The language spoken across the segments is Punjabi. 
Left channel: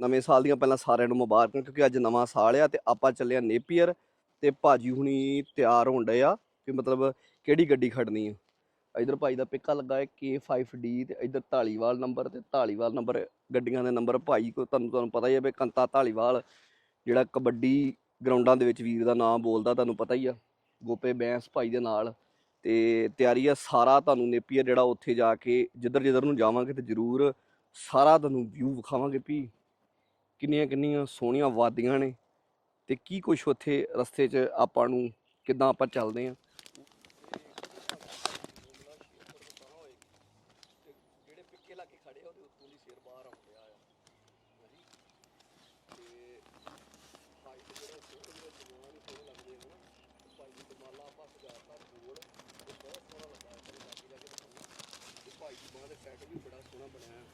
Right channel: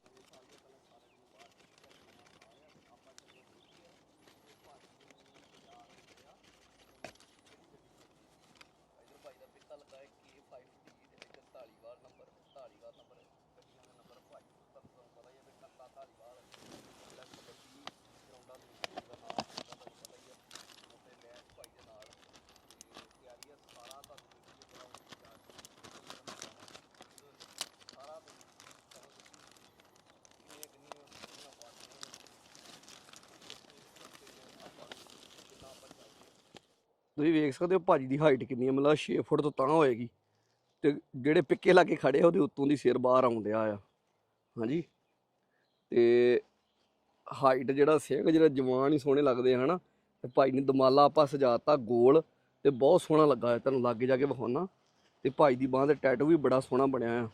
ਨਵੇਂ ਸਾਲ ਦੀਆਂ ਪਹਿਲਾਂ ਸਾਰਿਆਂ ਨੂੰ ਮੁਬਾਰਕਾਂ, ਕਿਉਂਕਿ ਅੱਜ ਨਵਾਂ ਸਾਲ ਆ ਤੇ ਆਪਾਂ ਚੱਲੇ ਆ ਨੇਪੀਅਰ ਤੇ ਭਾਜੀ ਹੁਣੀ ਤਿਆਰ ਹੋਣ ਡਏ ਆ ਕਿ ਮਤਲਬ ਕਿਹੜੀ ਗੱਡੀ ਖੜਨੀ ਆ। ਇਧਰ ਭਾਈ ਦਾ ਪਿੱਕਾ ਲੱਗਾ ਹੈ K5D ਤੇ ਇਧਰ ਢਾਲੀਵਾਲ ਨੰਬਰ ਤੇ ਢਾਲੀਵਾਲ ਨੰਬਰ ਗੱਡੀਆਂ ਦੇ ਨੰਬਰ ਭਾਈ ਕੋ ਤੁਹਾਨੂੰ ਤੁਹਾਨੂੰ ਪਤਾ ਹੀ ਹੈ ਵੀ ਕੰਤਾ ਢਾਲੀਵਾਲ ਜਿਹੜਾ ਕਬੱਡੀ ਗਰਾਊਂਡਾਂ ਦੇ ਵਿੱਚ ਵੀਰ ਦਾ ਨਾਮ ਬੋਲਦਾ ਤੁਹਾਨੂੰ ਪਤਾ ਹੀ ਆ, ਗੋਪੇ ਬੈਂਸ ਭਾਈ ਦੇ ਨਾਲ। ਤੇ ਤਿਆਰੀ ਆ ਸਾਰਾ ਤੁਹਾਨੂੰ ਨੇਪੀਅਰ ਜਿਹੜਾ ਉੱਥੇ ਜਾ ਕੇ ਜਿੱਧਰ ਜਿੱਧਰ ਨੂੰ ਜਾਵਾਂਗੇ ਤੇ ਜ਼ਰੂਰ ਸਾਰਾ ਤੁਹਾਨੂੰ ਵਿਊ ਵਿਖਾਵਾਂਗੇ ਵੀ ਕਿੰਨੀਆਂ ਕਿੰਨੀਆਂ ਸੋਹਣੀਆਂ ਵਾਦੀਆਂ ਨੇ ਤੇ ਕੀ ਕੁਛ ਉੱਥੇ ਰਸਤੇ 'ਚ ਆਪਾਂ ਨੂੰ ਕਿੱਦਾਂ ਆਪਾਂ ਚੱਲਦੇ ਆ। ਤੁਸੀਂ ਵੇਖ ਸਕਦੇ ਹੋ ਭਾਜੀ ਦੀ ਹਾਈਟ ਕਿੰਨੀ ਹੈ ਮਤਲਬ 6 ਫੁੱਟ ਤੋਂ ਤਾਂ ਹੋਏਗੀ। ਤੇ ਜਿਹੜੇ ਪਿੱਕੇ ਲਾ ਕੇ ਖੜੇ ਆ, ਉਹਦੇ ਉੱਤੋਂ ਦੀ ਸਿਰ ਬਾਹਰ ਆਉਣ ਆ। ਹਾਂਜੀ। ਤੇ ਹਾਈਟ ਜਿਹੜਾ ਸਿੰਘ ਜਿਹੜਾ ਜਵਾਨ ਹੀ ਸੋਹਣੇ ਲੱਗਦੇ ਆ, ਹਨਾ। ਤੇ ਭਾਈ ਨੇ ਦਮਾਲਾ ਆਪਾਂ ਸਜਾਤਾ ਗੋਲ ਤੇ ਬਹੁਤ ਸੋਹਣਾ ਲੱਗਾ ਤੁਹਾਨੂੰ ਲਾਗੇ ਜਾ ਕੇ ਵਿਖਾਉਣਾ। ਤੇ ਭਾਈ ਦੀ ਬਾਂਹ ਤੇ ਟੈਟੂ ਵੀ ਬੜਾ ਸੋਹਣਾ ਬਣਿਆ ਆ।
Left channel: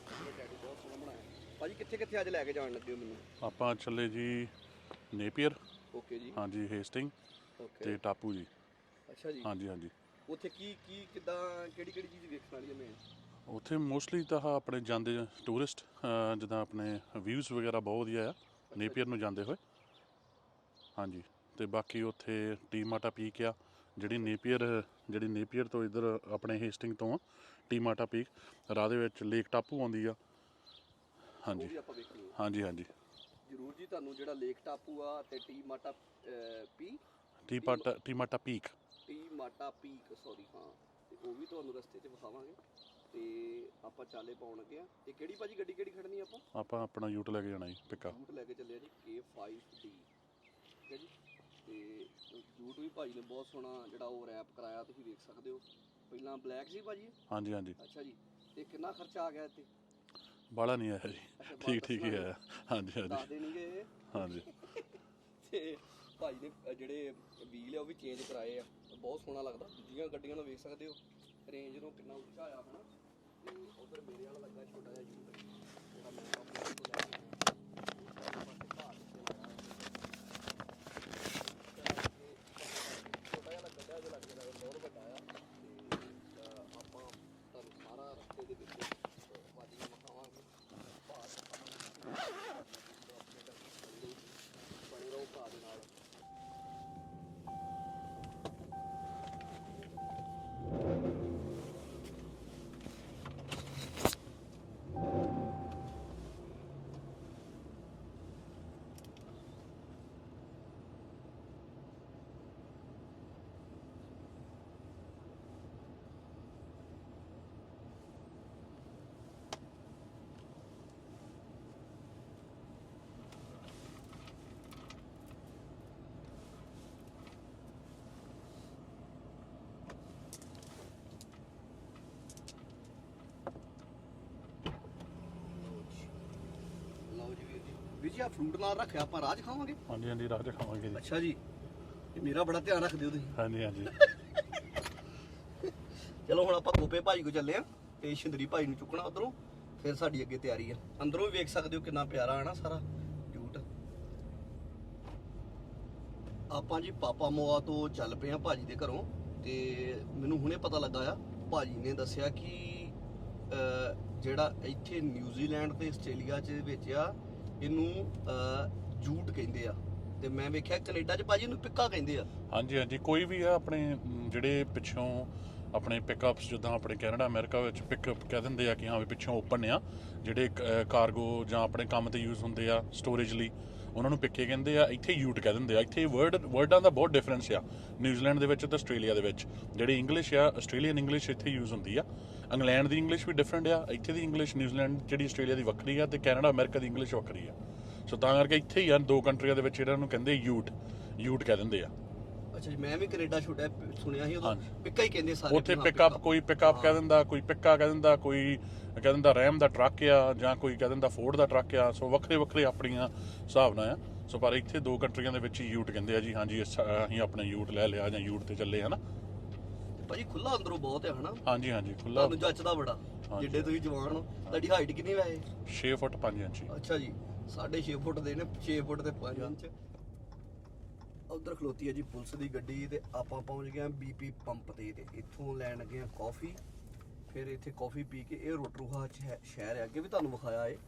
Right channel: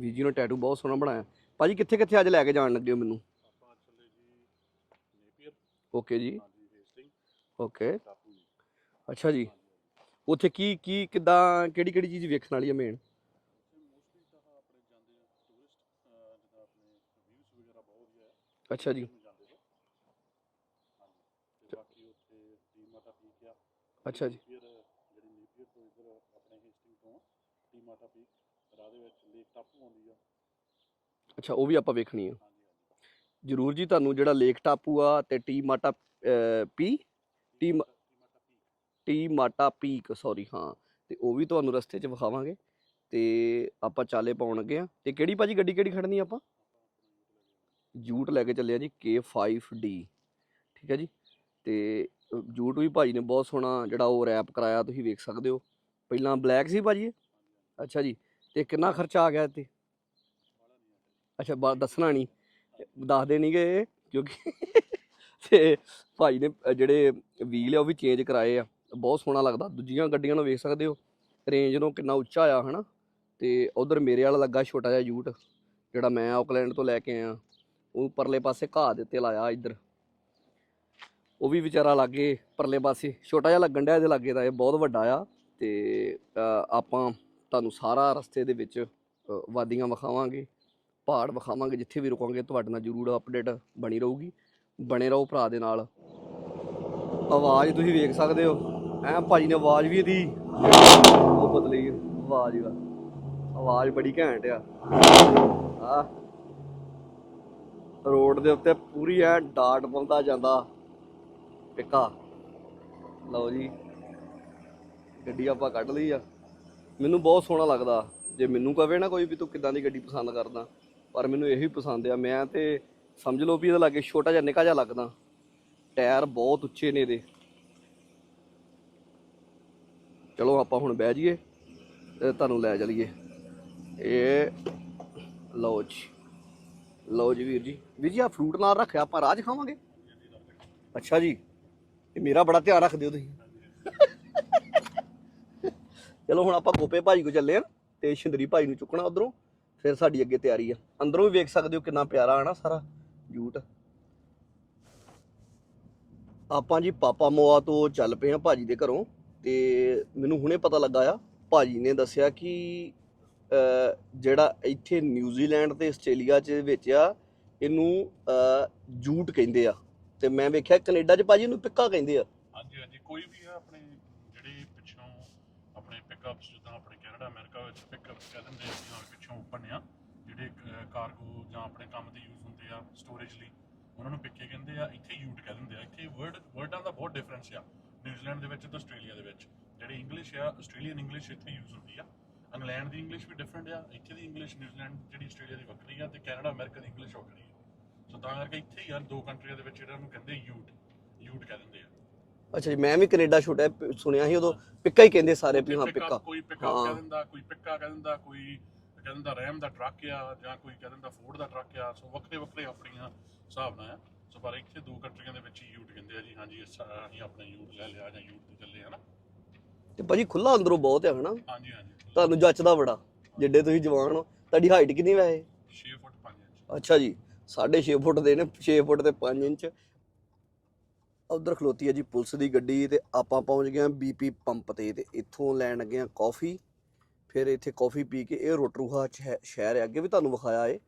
ਵੀਰ ਜੀ ਨੇ ਟੈਟੂ ਬਹੁਤ ਸੋਹਣਾ ਬਣਾਇਆ। ਭਾਜੀ ਕਿੱਥੇ ਕਿੱਥੇ ਅੱਜ ਲੈ ਕੇ ਜਾਣ ਲੱਗੇ ਹੋ ਮੈਨੂੰ? ਆਪਾਂ ਚੱਲੇ ਜੀ ਨੇਪੀਅਰ। ਓਕੇ ਜੀ। ਹਾਂਜੀ ਹੇਸਟਿੰਗ ਓਕੇ। ਤੇ ਟਾਪੂ ਜੀ। ਅੱਛਾ ਜੀ। ਹਾਂਜੀ ਹਾਂਜੀ। ਉੱਥੇ ਕੀ ਕੀ ਕਿੱਦਾਂ ਕਿਹੜੀ ਕਿਹੜੀ ਚੀਜ਼ ਵੇਖਣ ਵਾਲੀ ਹੈ ਮੇਨ ਉੱਥੇ ਮੋਸਟਲੀ ਤਾਂ ਆਪਣੇ ਜਾਂਦੇ ਟੂਰਿਸਟ ਜਿੱਦਾਂ ਆਪਣੇ ਵਿਊਜ਼ ਵਗੈਰਾ ਬਹੁਤ ਵਧੀਆ ਆ ਅੱਛਾ ਜੀ। ਨੇਪੀਅਰ ਨੂੰ ਜਾਂਦੇ ਹੋਏ। ਹਾਂਜੀ ਤੇ ਬਾਕੀ ਉੱਥੇ ਟੀਮਾਟਾ ਪੀਕ ਆ ਜਿਹੜੀ ਅੱਛਾ ਜੀ। ਨੇਪੀਅਰ ਜਿਹੜੀ ਨੇਪੀਅਰ ਤੋਂ ਇਧਰ ਆਪਣੇ ਹੇਸਟਿੰਗ ਤੋਂ ਆ ਟੀਮਾਟਾ ਪੀਕ ਰਾਹ ਦੇ ਵਿੱਚ ਲੇਕ ਟਾਪੂ ਆਉਂਦੀ ਆ। ਅੱਛਾ ਉਹ ਵੀ ਆਪਾਂ ਵੇਖਣੀ ਹੈ ਹਾਂਜੀ ਹਾਂਜੀ। ਜਰੂਰ ਜੀ ਤੁਹਾਨੂੰ ਜਿਹੜਾ ਲੇਕ ਟਾਪੂ ਆ ਤੇ ਟੀ ਮਾਟਾ ਪੀ? Te Mata Te Mata Peak. Te Mata Peak sorry ਹਾਂ। ਤੇ ਉਹ ਵੀ ਤੁਹਾਨੂੰ ਰਸਤੇ 'ਚ ਵਿਖਾਵਾਂਗੇ। ਤੇ ਆਪਾਂ ਚਾਲੇ ਪਾਉਣ ਲੱਗੇ ਆ। ਤੇ ਕਿਹੜੀ ਭਾਜੀ ਗੱਡੀ ਕਿਹੜੀ ਖੜਨੀ ਆਪਾਂ? ਆਪਾਂ ਆਪਣਾ ਯੂਟ ਲੈ ਕੇ ਜਾਣਾ ਜੀ ਜੂਟ ਲੈ ਕੇ ਚੱਲੇ ਆ ਜੀ K5D ਠੀਕ ਹੈ ਜੀ? ਤੇ ਜੂਟ ਵੀ ਭਾਜੀ ਨੇ ਬਹੁਤ ਸੋਹਣਾ ਜਿਹੜਾ ਉਹ ਰੈਪ ਕਰਾਇਆ ਤੁਸੀਂ ਵੇਖ ਸਕਦੇ ਹੋ। ਪਹਿਲਾਂ ਬਲੈਕ ਸੀ ਭਾਜੀ? ਹਾਂਜੀ ਹਾਂਜੀ। ਅੱਛਾ ਜੀ। ਤੇ ਕਿੰਨਾ ਖਰਚਾ ਆ ਗਿਆ ਇੱਥੇ? ਬਾਲਾ ਨਹੀਂ ਆਇਆ ਜੀ। ਅੱਛਾ ਠੀਕ- ਠੀਕ ਦੱਸਣਾ ਨਹੀਂ? ਆਇਆ। ਹਾਂਜੀ ਨਹੀਂ ਗਏ ਹਾਂਜੀ। ਤੇ ਭਾਈ ਨੇ ਅ, ਜਿਹੜੇ ਵੀਲ ਆ ਉਹ ਵੀ ਚੇਂਜ ਕਰਾਏ ਆ। ਬਹੁਤ ਸੋਹਣਾ ਲੱਗਦਾ। ਦੂਜੀਆਂ ਗੱਡੀਆਂ ਨੂੰ ਵੇਖ ਸਕਦੇ ਹੋ। ਰੇਂਜ ਨੂੰ ਕਿੰਨਾ ਉੱਚਾ ਆ ਹਨਾ? ਤੇ ਉਧਰ ਮੇਰੇ ਵਾਲਾ ਲੱਗਾ ਛੋਟਾ ਜਿਹਾ ਯੂਟ ਜਿਹੜਾ ਮੈਂ ਆਕਲੈਂਡ ਤੋਂ ਲੈ ਕੇ ਆਇਆ। ਉਹ ਪਰਲੇ ਪਾਸੇ ਘਾਹ ਦੇ ਉੱਤੇ ਲਾਇਆ ਇੱਧਰ। ਉਹ ਵੀ ਵਿਚਾਰਾ ਲਾਗੇ ਪਰਲੇ ਪਾਸੇ। ਛੋਟਾ ਜਿਹਾ ਲੱਗਣ ਡਿਆ ਇਹਦੇ ਲਾਗੇ ਦਾ ਇਹ ਬਹੁਤ ਵੱਡਾ ਆ। ਤੇ ਅ, ਆਪਾਂ ਤੁਹਾਨੂੰ ਸਾਰਾ ਰਸਤੇ ਦੇ ਵਿੱਚ ਵਾਦੀਆਂ ਵਿਖਾਵਾਂਗੇ, ਪਹਾੜ ਵਿਖਾਵਾਂਗੇ, ਜਿੱਥੇ ਵੀ ਰੁਕਾਂਗੇ ਤੁਹਾਡੇ ਨਾਲ ਜ਼ਰੂਰ ਅਪਡੇਟ ਬਣੀ ਰਹੂਗੀ। ਬਣੇ ਰਹੋ ਭਰਾ ਦੇ ਨਾਲ। ਆਵਾਜ਼ ਤੁਸੀਂ ਵੇਖ ਸਕਦੇ ਹੋ। ਐ ਭਾਜੀ ਨੇ ਆਵਾਜ਼ ਵੀ ਇਹਦੀ ਉਹ ਬਦਲੀ ਆਵਾਜ਼ ਦਾ ਆਵਾਜ਼ ਬੜੀ ਘੈਂਟ ਆ। ਆ ਰੋਡ ਦੇ ਉੱਤੇ ਪੂਰੀ ਐ ਡਾਟ ਪਾਉਂਦਾ ਜਾਂਦਾ। ਪਿੱਕਾ। ਲਓ ਜੀ। ਗੱਡੀ ਆਪਾਂ ਕੱਢ ਲਈ ਆ। ਮੈਨੂੰ ਬਹੁਤ ਸੋਹਣਾ ਲੱਗਦਾ। ਜੇ ਮੈਨੂੰ ਕਵੇ ਨਾ ਕੋਈ ਵੀ ਤੂੰ ਕਿੱਦਾਂ ਦੀ ਗੱਡੀ ਪਸੰਦ ਕਰਦਾ ਪਰ ਮੈਨੂੰ ਇਹੀ ਪਸੰਦ ਆ ਮੈਂ ਤੇ ਸਮਝ ਲਓ ਵੀ ਇਹਦੇ ਲਾਗੇ ਛੋਟਾ ਜਿਹਾ ਨਿੱਕਾ ਜਿਹਾ ਲੱਗਦਾ। ਟਾਇਰ ਬਹੁਤ ਉੱਚੇ ਨੇ ਇਹਦੇ। ਚਲੋ ਆਪਾਂ ਹੁਣ ਬਹਿ ਜਾਈਏ ਤੇ ਤੁਹਾਨੂੰ ਲੈ ਚਲੀਏ। ਇਹ ਲਓ ਜੀ। ਲਓ ਜੀ ਵੀਰ ਜੀ। ਵੀਰ ਜੀ ਆ ਫਰੂਟ ਨਾਲ ਰੱਖਿਆ ਆਪਾਂ ਰਾਜ ਖਾਵਾਂਗੇ ਹਾਂਜੀ ਹਾਂਜੀ ਰਾਜ ਖਾਵਾਂਗੇ ਜੀ। ਅੱਛਾ ਜੀ। ਇਹ ਮੇਰਾ ਬੜਾ ਧਿਆਨ ਰੱਖਦੇ ਹੋ ਤੁਸੀਂ। ਹਾਂਜੀ ਹਾਂਜੀ। ਚਲੋ ਹੁਣ ਆਪਾਂ ਗੋਪੇ ਭਾਈ ਕੋ ਚੱਲੇ ਆ। ਤੇ ਸ਼ਿੰਦਰੀ ਭਾਈ ਨੂੰ ਚੁੱਕਣਾ ਉਧਰੋਂ ਫਿਰ ਸਾਡੀ ਅੱਗੇ ਤਿਆਰੀ ਆ। ਅੰਦਰੋਂ ਵੀ ਵੇਖ ਸਕਦੇ ਹੋ ਕਿੰਨਾ ਪਿਆਰਾ ਆ ਸਾਰਾ ਜੂਟ। ਆਪਾਂ ਜੀ ਪਾਪਾ ਮੋਆ ਤੋਂ ਚੱਲ ਪਏ ਆ ਭਾਜੀ ਦੇ ਘਰੋਂ ਤੇ ਮੈਨੂੰ ਹੁਣੇ ਪਤਾ ਲੱਗਾ ਆ ਭਾਜੀ ਨੇ ਦੱਸਿਆ ਕਿ ਜਿਹੜਾ ਇੱਥੇ ਨਿਊਜ਼ੀਲੈਂਡ ਤੇ ਆਸਟ੍ਰੇਲੀਆ ਚ ਵਿੱਚ ਆ ਇਹਨੂੰ ਅਹ, ਜੂਟ ਕਹਿੰਦੇ ਆ। ਤੇ ਮੈਂ ਵੇਖਿਆ ਕੈਨੇਡਾ ਚ ਭਾਜੀ ਇਹਨੂੰ ਪਿੱਕਾ ਕਹਿੰਦੇ ਆ। ਹਾਂਜੀ ਹਾਂਜੀ ਕੋਈ ਵੀ ਆ ਆਪਣੇ ਜਿਹੜੇ ਪਿੱਛੋਂ ਆਪਣੇ ਪਿਕਅਪਸ ਜਿੱਦਾਂ ਆਪਣੇ ਕੈਨੇਡਾ, ਅਮਰੀਕਾ ਵਿੱਚ ਪਿਕਅਪ ਕਹਿ ਦਿੰਦੇ ਆ ਕਿ ਹਾਂ ਵੀ ਪਿੱਛੋਂ ਓਪਨ ਆ, ਜਿਹੜੇ ਕਾਰਗੋ ਜਾਂ ਆਪਣੇ ਕੰਮ ਤੇ ਯੂਜ਼ ਹੁੰਦੇ ਆ ਸਟੋਰੇਜ ਲਈ, ਉਹਨਾਂ ਨੂੰ ਪਿੱਕੇ ਕਹਿੰਦੇ ਆ, ਇੱਥੇ ਯੂਟ ਕਹਿ ਦਿੰਦੇ ਆ। ਇੱਥੇ ਵਰਡ ਵਰਡਾਂ ਦਾ ਬਹੁਤ ਡਿਫਰੈਂਸ ਆ। ਨਿਊਜ਼ੀਲੈਂਡ ਦੇ ਵਿੱਚ ਤੇ ਆਸਟ੍ਰੇਲੀਆ ਦੇ ਵਿੱਚ, ਜਿਹੜੀ ਇੰਗਲਿਸ਼ ਆ ਆਸਟ੍ਰੇਲੀਅਨ ਇੰਗਲਿਸ਼ ਇੱਥੇ ਯੂਜ਼ ਹੁੰਦੀ ਆ। ਇੰਗਲੈਂਡ ਦੀ ਇੰਗਲਿਸ਼ ਵੀ ਡਿਫਰੈਂਟ ਆ, ਇੱਥੇ ਦੀ ਇੰਗਲਿਸ਼ ਨਿਊਜ਼ੀਲੈਂਡ ਜਿਹੜੀ ਆਸਟ੍ਰੇਲੀਆ ਦੀ ਵੱਖਰੀ ਆ ਤੇ ਕੈਨੇਡਾ, ਅਮਰੀਕਾ ਦੀ ਇੰਗਲਿਸ਼ ਵੱਖਰੀ ਆ। ਸੋ ਤਾਂ ਕਰਕੇ ਇੱਥੇ ਹੀ ਆ, ਦੋ ਕੰਟਰੀਆਂ ਦੇ ਵਿੱਚ ਇਹਨਾਂ ਨੂੰ ਕਹਿੰਦੇ ਯੂਟ ਯੂਟ ਕਹਿ ਦਿੰਦੇ ਆ। ਅੱਛਾ ਜੀ ਮੈਂ ਵੀ ਕੈਨੇਡਾ ਛੋਟਾ ਪ- ਸੁਣਿਆ ਸੀ ਉਦੋਂ। ਪਿੱਕਾ ਹੀ ਕਹਿੰਦੇ ਸਾਰੇ ਉੱਥੇ ਪਿਕਅਪ ਪਿੱਕਾ ਕੋਈ ਪਿਕਅਪ। ਕਹਿ ਦਿੰਦਾ ਕੋਈ ਪਿੱਕਾ ਕਹਿ ਦਿੰਦਾ ਕੋਈ ਕਹਿ ਦਿੰਦਾ ਰੈਮ ਦਾ ਟਰੱਕ ਆ ਜਾਂ ਕੋਈ ਕਹਿ ਦਿੰਦਾ ਫੋਰਡ ਦਾ ਟਰੱਕ ਆ। ਸੋ ਵੱਖਰੇ ਵੱਖਰੇ ਆਪਣੀਆਂ ਹਿਸਾਬ ਨਾਲ ਆ। ਸੋ ਪਰ ਇੱਥੇ ਦੋ ਕੰਟਰੀਆਂ ਦੇ ਵਿੱਚ ਯੂਟ ਕਹਿੰਦੇ ਆ ਜੀ ਹਾਂਜੀ ਅਸੀਂ ਆਪਣੇ ਯੂਟ ਲੈ ਲਿਆ ਜਾਂ ਯੂਟ ਤੇ ਚੱਲੇ ਹਨਾ? ਤੇ ਭਾਜੀ ਖੁੱਲਾ ਅੰਦਰੋਂ ਬਹੁਤ ਹੈ ਹਨਾ? ਹਾਂਜੀ ਹਾਂਜੀ ਖੁੱਲਾ ਤੁਹਾਨੂੰ ਜੱਚਦਾ ਬੜਾ ਜਿੱਡੇ ਤੁਸੀਂ ਜਵਾਨ ਹੋ। ਤੁਹਾਡੀ ਹਾਈਟ ਕਿੰਨੀ ਵੈਸੇ 6 ਫੁੱਟ 5 ਇੰਚ। ਅੱਛਾ ਜੀ 6.5 ਫੁੱਟ ਦੇ ਨੇ 6 ਫੁੱਟ ਤੇ 5 ਇੰਚ। ਉਧਰ ਖਲੋਤੀ ਹੈ ਜੀ ਪੁਲਿਸ ਦੀ ਗੱਡੀ ਤੇ ਆਪਾਂ ਪਹੁੰਚ ਗਏ ਹਾਂ ਬੀਪੀ ਪੰਪ ਤੇ ਤੇ ਇੱਥੋਂ ਲੈਣ ਲੱਗੇ ਹਾਂ ਕਾਫੀ। ਫਿਰ ਇੱਥੇ ਕਾਫੀ ਪੀ ਕੇ ਇਹ ਰੋਟਰੂਹਾ ਹੈ- ਸ਼ਹਿਰ ਹੈ ਅੱਗੇ ਵੀ ਤੁਹਾਨੂੰ ਵਿਖਾਇਆ ਏ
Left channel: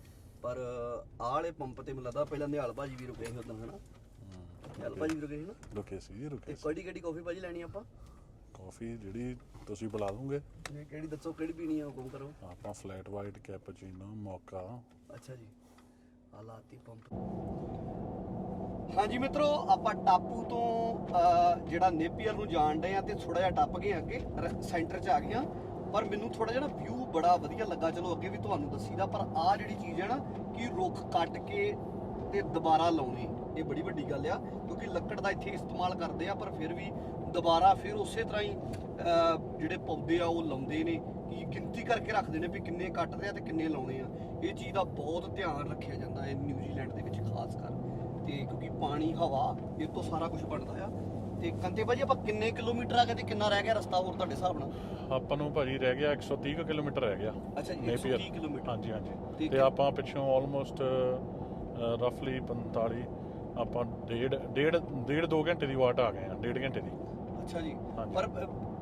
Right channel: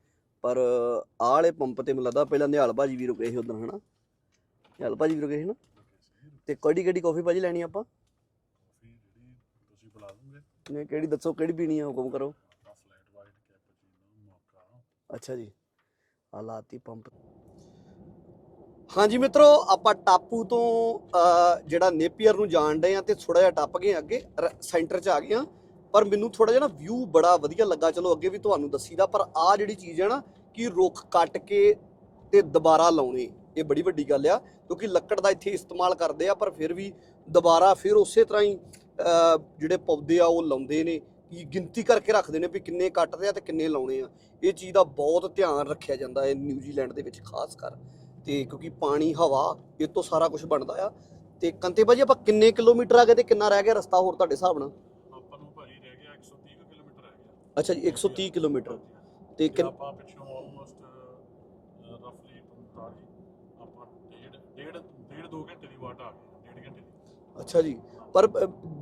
ਪਰ ਆਹ ਵਾਲੇ ਪੰਪ ਤੇ ਮੈਨੂੰ ਲੱਗਦਾ ਪਹਿਲਾਂ ਨਿਹਾਲ ਭਾਜੀ ਵੀ ਰੁਕੇ ਸੀ ਉਦੋਂ ਹਨਾ? ਨਿਹਾਲ ਭਾਜੀ ਵੀ ਰੁਕੇ ਸੀ ਨਾ? ਰੁਕੇ ਸੀ ਜੀ ਰੁਕੇ ਤੇ ਕਿਹੜੀ ਕਿਹੜੀ ਕਾਫੀ ਭਾਜੀ ਲੈਣੀ ਆਪਾਂ? ਕਾਫੀ ਜਿਹੜੀ ਤੁਸੀਂ ਬੁਲਾ ਦੂੰਗੇ। ਨੇ ਕਿਹੜੀ ਦੱਸੋ ਕਿਹੜੀ ਪੀਣੀ ਆ ਹੁਕਮ ਕਰੋ। ਆਪਾਂ ਫਲੈਟ ਵਾਈਟ ਕੈਪੂਚੀਨੋ ਮੋਕਾ। ਅੱਛਾ ਜੀ। ਆ ਲਾਤੀ ਪੰਪ। ਹਾਂਜੀ ਮਿੱਤਰੋ, ਆਪਾਂ ਟਾਪੂ ਤੋਂ ਜਿਹੜਾ ਨੇਪੀਅਰ ਨੂੰ ਜਾਣਦੇ ਆ ਤੇ ਥੋੜਾ ਜਿਹਾ ਟੱਪ ਗਏ ਅੱਗੇ ਸੈਂਟਰ 'ਚ ਆ ਗਏ ਆ। ਪਰ ਮੈਨੂੰ ਥੋੜਾ ਜਿਹਾ ਨਾ ਵਿਊ ਬੜਾ ਵਧੀਆ ਲੱਗਾ। ਚਲੋ ਅੱਗੇ ਵੀ ਤੁਹਾਨੂੰ ਦੱਸੀਦਾ, ਪਰ ਆ ਜਿਹੜੀ ਚੀਜ਼ ਹੈ ਨਾ, ਕਿ ਰੁੱਖ ਕੱਟ ਕੇ ਤੇ ਦੁਬਾਰਾ ਲਾਉਣੇ, ਇਹ ਬੜੀ ਵੱਡੀ ਗੱਲ ਆ। ਕਿਉਂਕਿ ਲੱਕੜ ਦਾ ਇੱਥੇ ਇਸਤੇਮਾਲ ਕਰਦੇ ਆ, ਪਰ ਫਿਰ ਵੀ ਦੁਬਾਰਾ ਫਿਰ ਉਸੇ ਤਰ੍ਹਾਂ ਹੀ ਜਿਹੜੇ ਪੌਦੇ ਆ, ਉਹ ਲਾਉਂਦੇ ਨੇ। ਕਿ ਗਿਣਤੀ ਕਰਕੇ ਰੱਖਦੇ ਨੇ ਵੀ ਕਿੰਨੇ ਕੱਟਦੇ ਆ ਤੇ ਕਿੰਨੇ ਲਾਉਣੇ ਆ। ਇਹ ਚੀਜ਼ ਦਾ ਬਹੁਤ ਧਿਆਨ ਰੱਖਿਆ ਜਾਂਦਾ ਹੈ ਨਿਊਜ਼ੀਲੈਂਡ ਦੇ ਵਿੱਚ, ਖਾਸ ਕਰ। ਤੇ ਕਿਉਂਕਿ ਪਾਣੀ ਹਵਾ ਇਹ ਤੋਂ ਸਾਰਾ ਕੁਝ ਬਣਦਾ ਆ। ਤੇ ਕੰਤੇ ਭਾਜੀ ਆਪਾਂ ਕਿੰਨੇ ਕਿਲੋਮੀਟਰ ਆ ਗਏ ਤੇ ਕਿੰਨਾ ਰਹਿ ਗਿਆ ਰਸਤਾ ਹੋਰ ਤੁਹਾਡੇ ਹਿਸਾਬ ਨਾਲ? ਆਪਾਂ ਨੂੰ ਭਾਜੀ ਰਹਿ ਗਿਆ 130 ਕੁ ਕਿਲੋਮੀਟਰ ਰਹਿ ਗਿਆ। ਅੱਛਾ ਜੀ 130 ਕਿਲੋਮੀਟਰ। ਹਾਂਜੀ ਹਾਂਜੀ। ਤੇ ਆਪਾਂ ਪਿੱਛੋਂ ਆਲਮੋਸਟ ਰਫਲੀ 45 ਆਪਾਂ ਡੇਢ ਡੇਢ ਡੇਢ 2 ਘੰਟੇ ਦੀ ਵਾਟ ਆ ਗਏ ਆ ਡੇਢ ਘੰਟੇ ਦੀ। ਅੱਛਾ ਜੀ। ਪਰ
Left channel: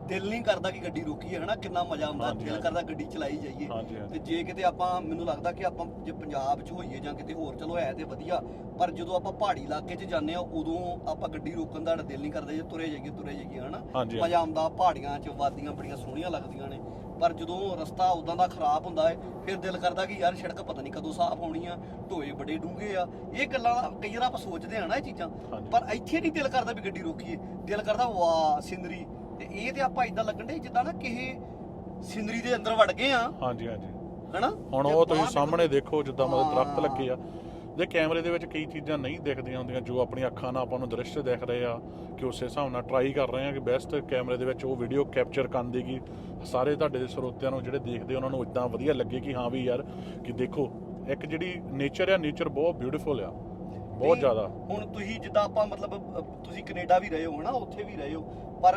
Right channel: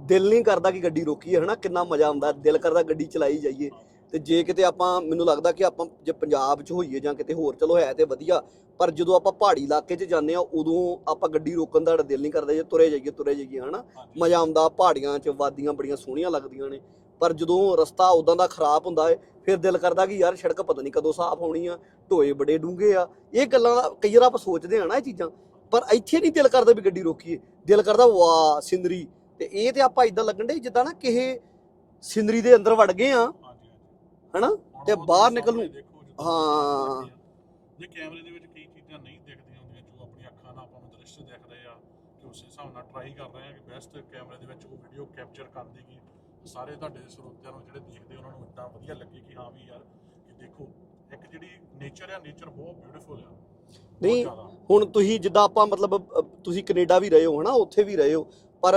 ਦਿਲ ਨਹੀਂ ਕਰਦਾ ਕਿ ਗੱਡੀ ਰੋਕੀਏ ਹਨਾ? ਕਿੰਨਾ ਮਜ਼ਾ ਆਉਂਦਾ ਦਿਲ। ਕਰਦਾ ਗੱਡੀ ਚਲਾਈ ਜਾਈਏ। ਤੇ ਜੇ ਕਿਤੇ ਆਪਾਂ ਮੈਨੂੰ ਲੱਗਦਾ ਕਿ ਆਪਾਂ ਜੇ ਪੰਜਾਬ 'ਚ ਹੋਈਏ ਜਾਂ ਕਿਤੇ ਹੋਰ ਚਲੋ ਹੈ ਤੇ ਵਧੀਆ ਪਰ ਜਦੋਂ ਆਪਾਂ ਪਹਾੜੀ ਇਲਾਕੇ 'ਚ ਜਾਂਦੇ ਆ ਉਦੋਂ ਆਪਾਂ ਗੱਡੀ ਰੋਕਣ ਦਾ ਦਿਲ ਨਹੀਂ ਕਰਦਾ ਜੇ ਤੁਰੇ ਜਾਈਏ ਤੁਰੇ ਜਾਈਏ ਹਨਾ? ਮਜ਼ਾ ਆਉਂਦਾ ਪਹਾੜੀਆਂ 'ਚ ਵਾਦੀਆਂ ਬੜੀਆਂ ਸੋਹਣੀਆਂ ਲੱਗਦੀਆਂ ਨੇ। ਪਰ ਜਦੋਂ ਰਸਤਾ ਉਦਾਂ ਦਾ ਖਰਾਬ ਹੁੰਦਾ ਹੈ ਫਿਰ ਦਿਲ ਕਰਦਾ ਕਿ ਯਾਰ ਸੜਕ ਪਤਾ ਨਹੀਂ ਕਦੋਂ ਸਾਫ਼ ਹੋਣੀ ਆ ਢੋਏ ਬੜੇ ਡੂੰਘੇ ਆ। ਇਹ ਗੱਲਾਂ ਕਈ ਵਾਰ ਆਪਾਂ ਸੋਚਦੇ ਆ ਨਾ ਇਹ ਚੀਜ਼ਾਂ। ਪਰ ਇੱਥੇ ਨਹੀਂ ਦਿਲ ਕਰਦਾ ਵੀ ਗੱਡੀ ਰੋਕੀਏ। ਦਿਲ ਕਰਦਾ ਵਾਹ ਸਿੰਦਰੀ। ਤੇ ਇਹ ਤੇ ਆਪਾਂ ਇਦਾਂ ਲੱਗਣ ਦੇ ਜਿੱਦਾਂ ਨਾ ਕਿਸੇ ਸਿੰਦਰੀ ਦੇ ਅੰਦਰ ਵੜ ਗਏ ਆ। ਹਾਂਜੀ ਹਾਂਜੀ। ਹਨਾ? ਹੁਣ ਉਹ ਬਾਹਰ ਸਾਹਮਣੇ ਦੇਖੋ ਜਿੱਦਾਂ। ਦਰਖਤ ਲੱਗੇ ਆ। ਦੇ ਕੈਮਰੇ ਦੇ ਵਿੱਚ ਕਈ ਚੀਜ਼ਾਂ ਨਹੀਂ ਦਿਖਦੀਆਂ ਹੁੰਦੀਆਂ ਜੋ ਆਪਣੀ ਅੱਖਾਂ ਨਾਲ ਆਪਾਂ ਨੂੰ ਦ੍ਰਿਸ਼ ਦਿਖ ਰਹੇ ਆ ਕਿ ਉਸੇ ਹਿਸਾਬ ਨਾਲ ਟਰਾਈ ਕਰ ਰਹੇ ਆ ਕਿ ਬੈਸਟ ਕੈਮਰੇ ਦੇ ਵਿੱਚ ਉਹ ਵੀਡੀਓ ਕੈਪਚਰ ਕਰਨ ਦੀ ਕਿ ਸਾਰੇ ਤੁਹਾਡੇ ਸਰੋਤਿਆਂ ਨੂੰ ਜਿਹੜੇ ਦੇਖਦੇ ਉਹਨਾਂ ਨੂੰ ਇਦਾਂ ਵਧੀਆ ਲੱਗੇ ਕਿ ਹਾਂ ਵੀ ਯਾਰ ਕਿ ਦੇਖੋ ਇੱਕ ਜਿਹੜੀ ਨੇਚਰ ਆ ਨੇਚਰ ਬਹੁਤ ਬਿਊਟੀਫੁਲ ਆ। ਬਹੁਤ ਜ਼ਿਆਦਾ। ਹੁਣ ਤੁਸੀਂ ਜਿੱਦਾਂ ਆਪਾਂ ਮਤਲਬ ਤੁਸੀਂ ਕੈਨੇਡਾ ਵੀ ਰਹੇ ਹੋ ਹਨਾ? ਉੱਥੇ ਵੀ ਰਹੇ ਹੋ। ਪਰ